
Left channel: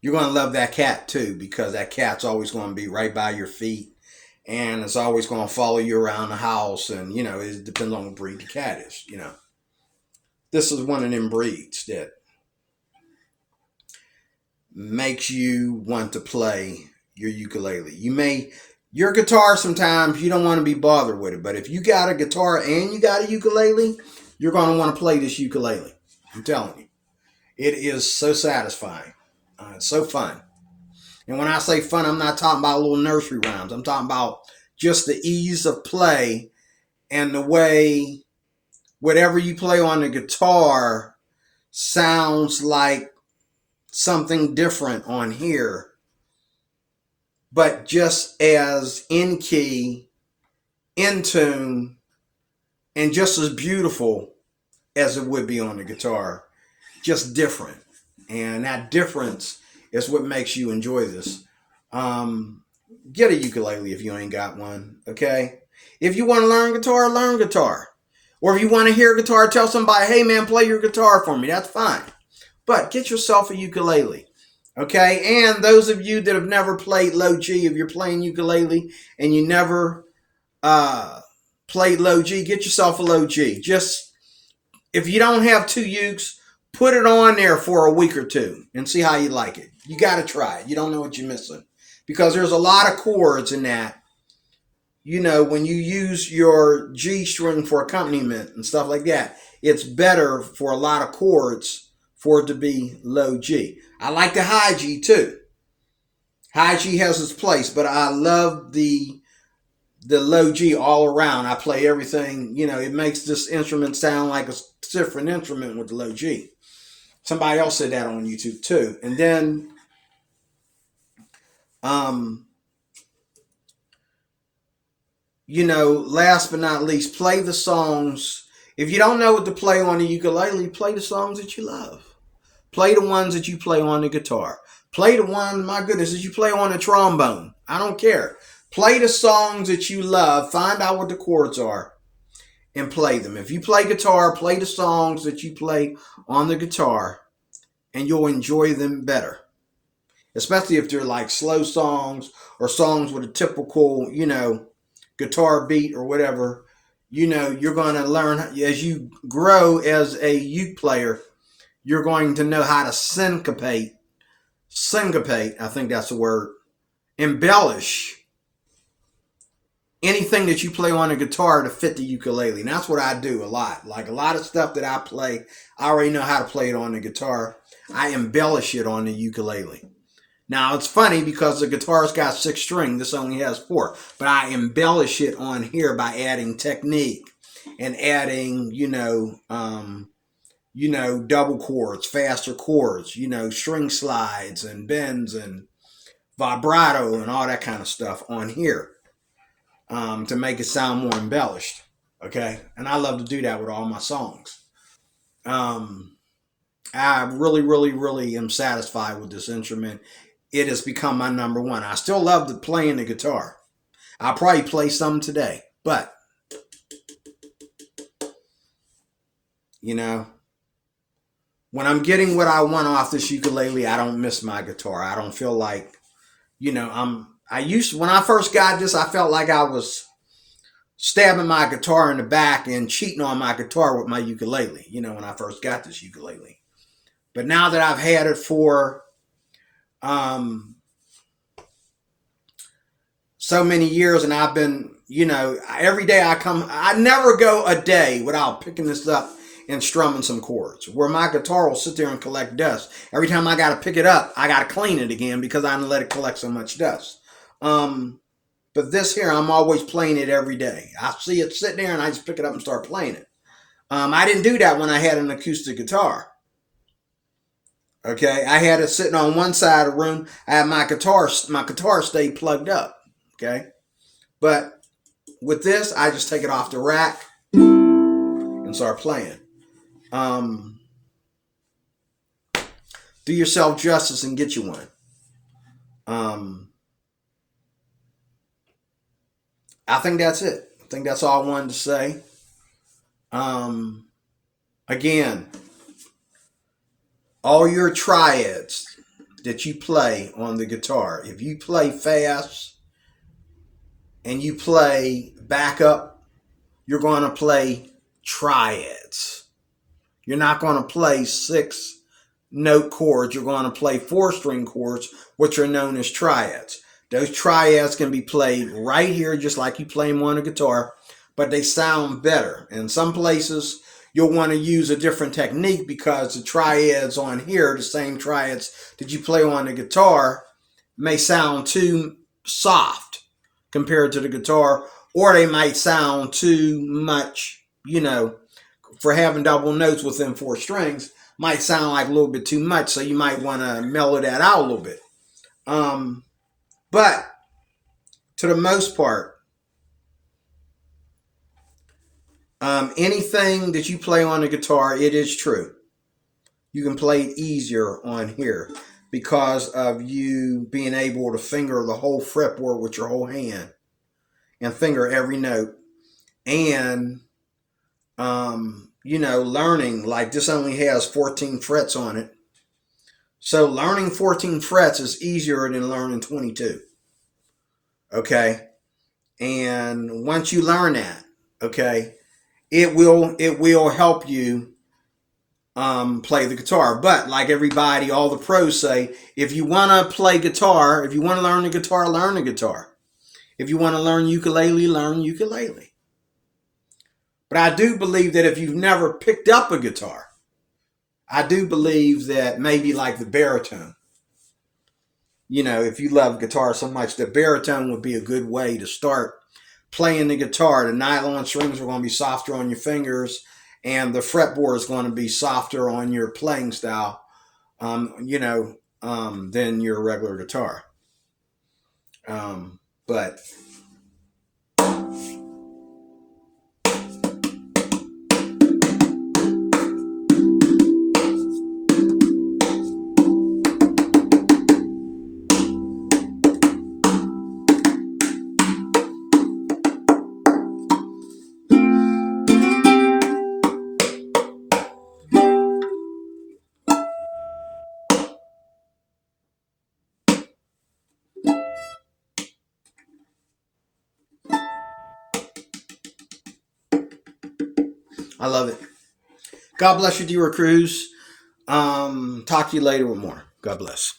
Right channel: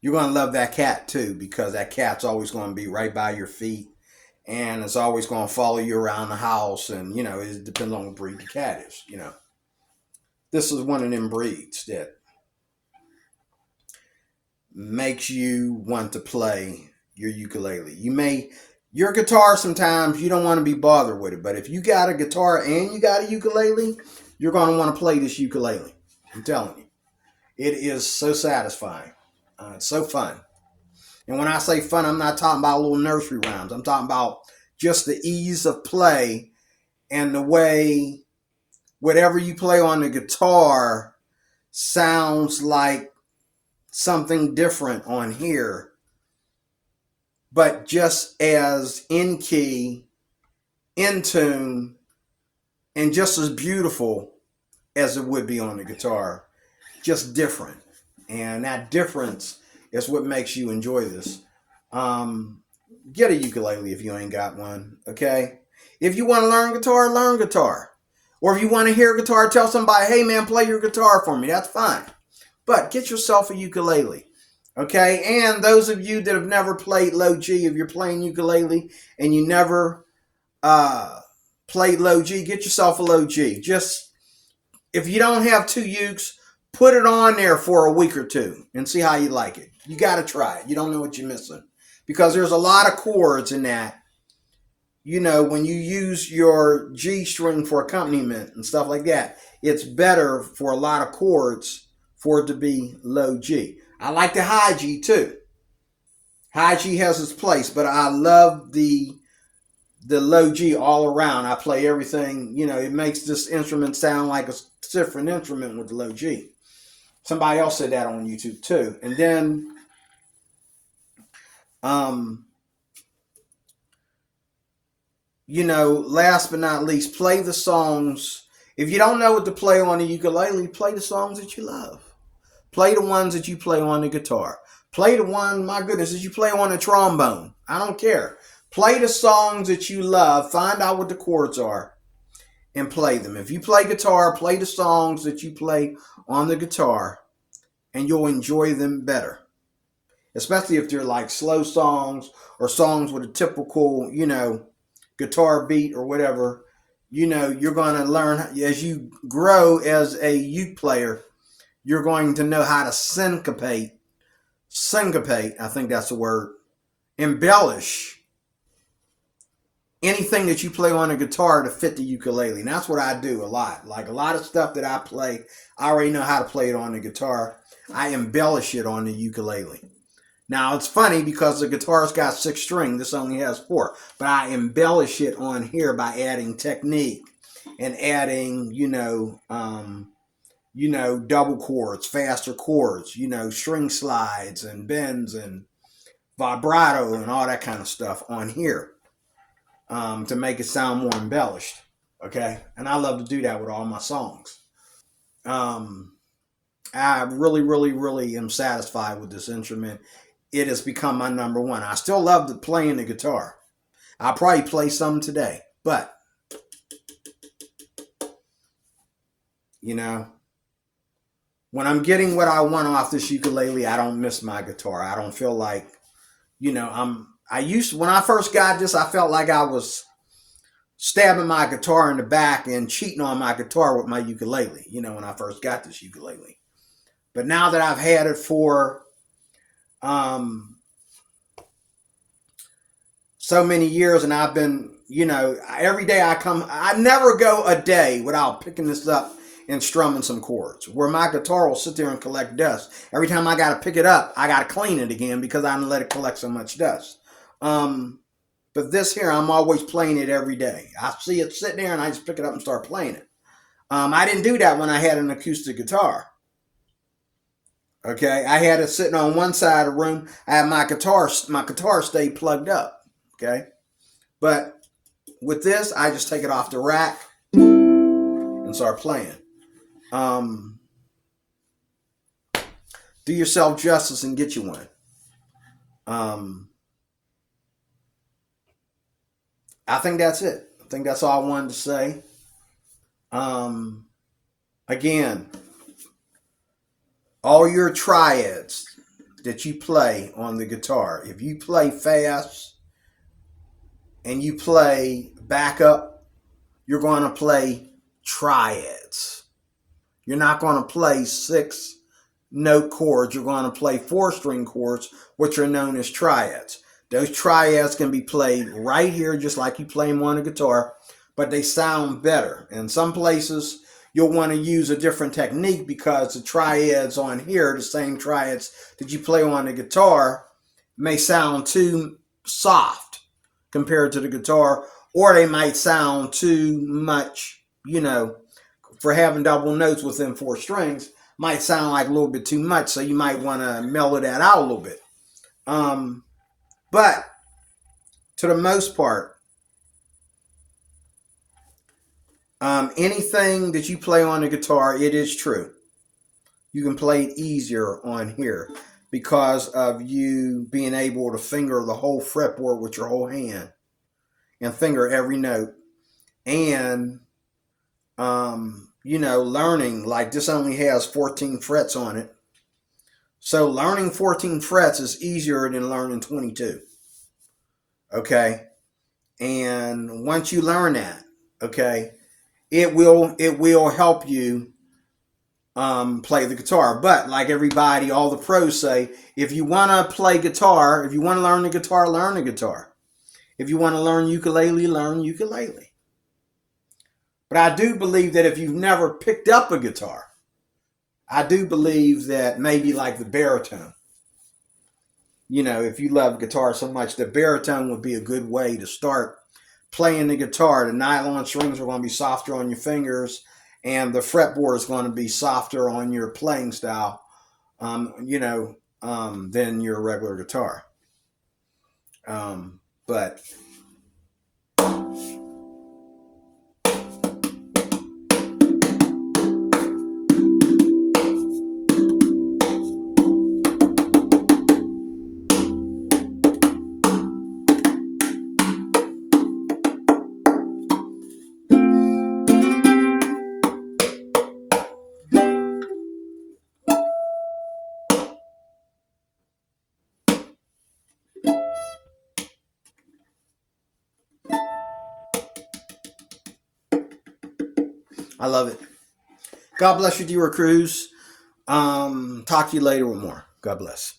you're going to love that cat too, because that cat's always going to be right by your feet, and it's always going to follow you around the house. And, it depends on what breed the cat is, This is one of them breeds that makes you want to play your ukulele. Your guitar, sometimes you don't want to be bothered with it, but if you got a guitar and you got a ukulele, you're going to want to play this ukulele. I'm telling you. It is so satisfying. It's so fun. And when I say fun, I'm not talking about little nursery rhymes. I'm talking about just the ease of play and the way whatever you play on the guitar sounds like something different on here, but just as in key, in tune, and just as beautiful as it would be on the guitar. Just different. And that difference is what makes you enjoy this. Get a ukulele if you ain't got one, okay? If you want to learn guitar, learn guitar. Or if you want to hear guitar, tell somebody, hey man, play your guitar for me. That's fine. But get yourself a ukulele, okay? And those of you that have never played low G, if you're playing ukulele and you never played low G, get yourself a low G. Just, if you don't have two ukes, put it on there for a week or two and see how you like it. You got to try it. You don't know what you're missing. Because there's a lot of chords in that. When you use your G string for accompaniment and stuff like that, it's better for a lot of chords for it to be low G. I like the high G too. High G has its place, but I love the low G all around. I play everything, it makes this instrument sound like a different instrument with the low G. Somebody else said that on YouTube too. And then, last but not least, play the songs. If you don't know what to play on the ukulele, play the songs that you love. Play the ones that you play on the guitar. Play the one, my goodness, that you play on the trombone. I don't care. Play the songs that you love. Find out what the chords are and play them. If you play guitar, play the songs that you play on the guitar, and you'll enjoy them better. Especially if they're like slow songs or songs with a typical, guitar beat or whatever. You're going to learn, as you grow as a uke player, you're going to know how to syncopate, I think that's the word, embellish anything that you play on a guitar to fit the ukulele. And that's what I do a lot. Like a lot of stuff that I play, I already know how to play it on the guitar. I embellish it on the ukulele. Now, it's funny because the guitar's got 6 strings. This only has 4. But I embellish it on here by adding technique and adding, double chords, faster chords, string slides and bends and vibrato and all that kind of stuff on here to make it sound more embellished. Okay? And I love to do that with all my songs. I really, really, really am satisfied with this instrument. It has become my number one. I still love playing the guitar. I'll probably play some today, but when I'm getting what I want off this ukulele, I don't miss my guitar. I don't feel like, when I first got this, I felt like I was stabbing my guitar in the back and cheating on my guitar with my ukulele, when I first got this ukulele. But now that I've had it for so many years, and I've been, every day I never go a day without picking this up and strumming some chords, where my guitar will sit there and collect dust. Every time I got to pick it up, I got to clean it again because I let it collect so much dust. But this here, I'm always playing it every day. I see it sitting there and I just pick it up and start playing it. I didn't do that when I had an acoustic guitar. Okay, I had it sitting on one side of the room. I had my guitar stayed plugged up. Okay, but with this, I just take it off the rack and start playing. Do yourself justice and get you one. I think that's it. I think that's all I wanted to say. Again, all your triads that you play on the guitar, if you play fast and you play backup, you're going to play triads. You're not going to play 6-note chords. You're going to play 4-string chords, which are known as triads. Those triads can be played right here, just like you play them on a guitar, but they sound better. In some places, you'll want to use a different technique because the triads on here, the same triads that you play on the guitar, may sound too soft compared to the guitar, or they might sound too much, for having double notes within 4 strings, might sound like a little bit too much, so you might want to mellow that out a little bit. But to the most part, anything that you play on the guitar, it is true. You can play it easier on here because of you being able to finger the whole fretboard with your whole hand and finger every note. And, learning, like this only has 14 frets on it. So learning 14 frets is easier than learning 22. Okay? And once you learn that, okay, it will help you play the guitar. But like everybody, all the pros say, if you want to play guitar, if you want to learn the guitar, learn the guitar. If you want to learn ukulele, learn ukulele. But I do believe that if you've never picked up a guitar, I do believe that maybe like the baritone, if you love guitar so much, the baritone would be a good way to start playing the guitar. The nylon strings are going to be softer on your fingers, and the fretboard is going to be softer on your playing style, than your regular guitar. But I love it. God bless you, dear Cruz. Talk to you later with more. God bless.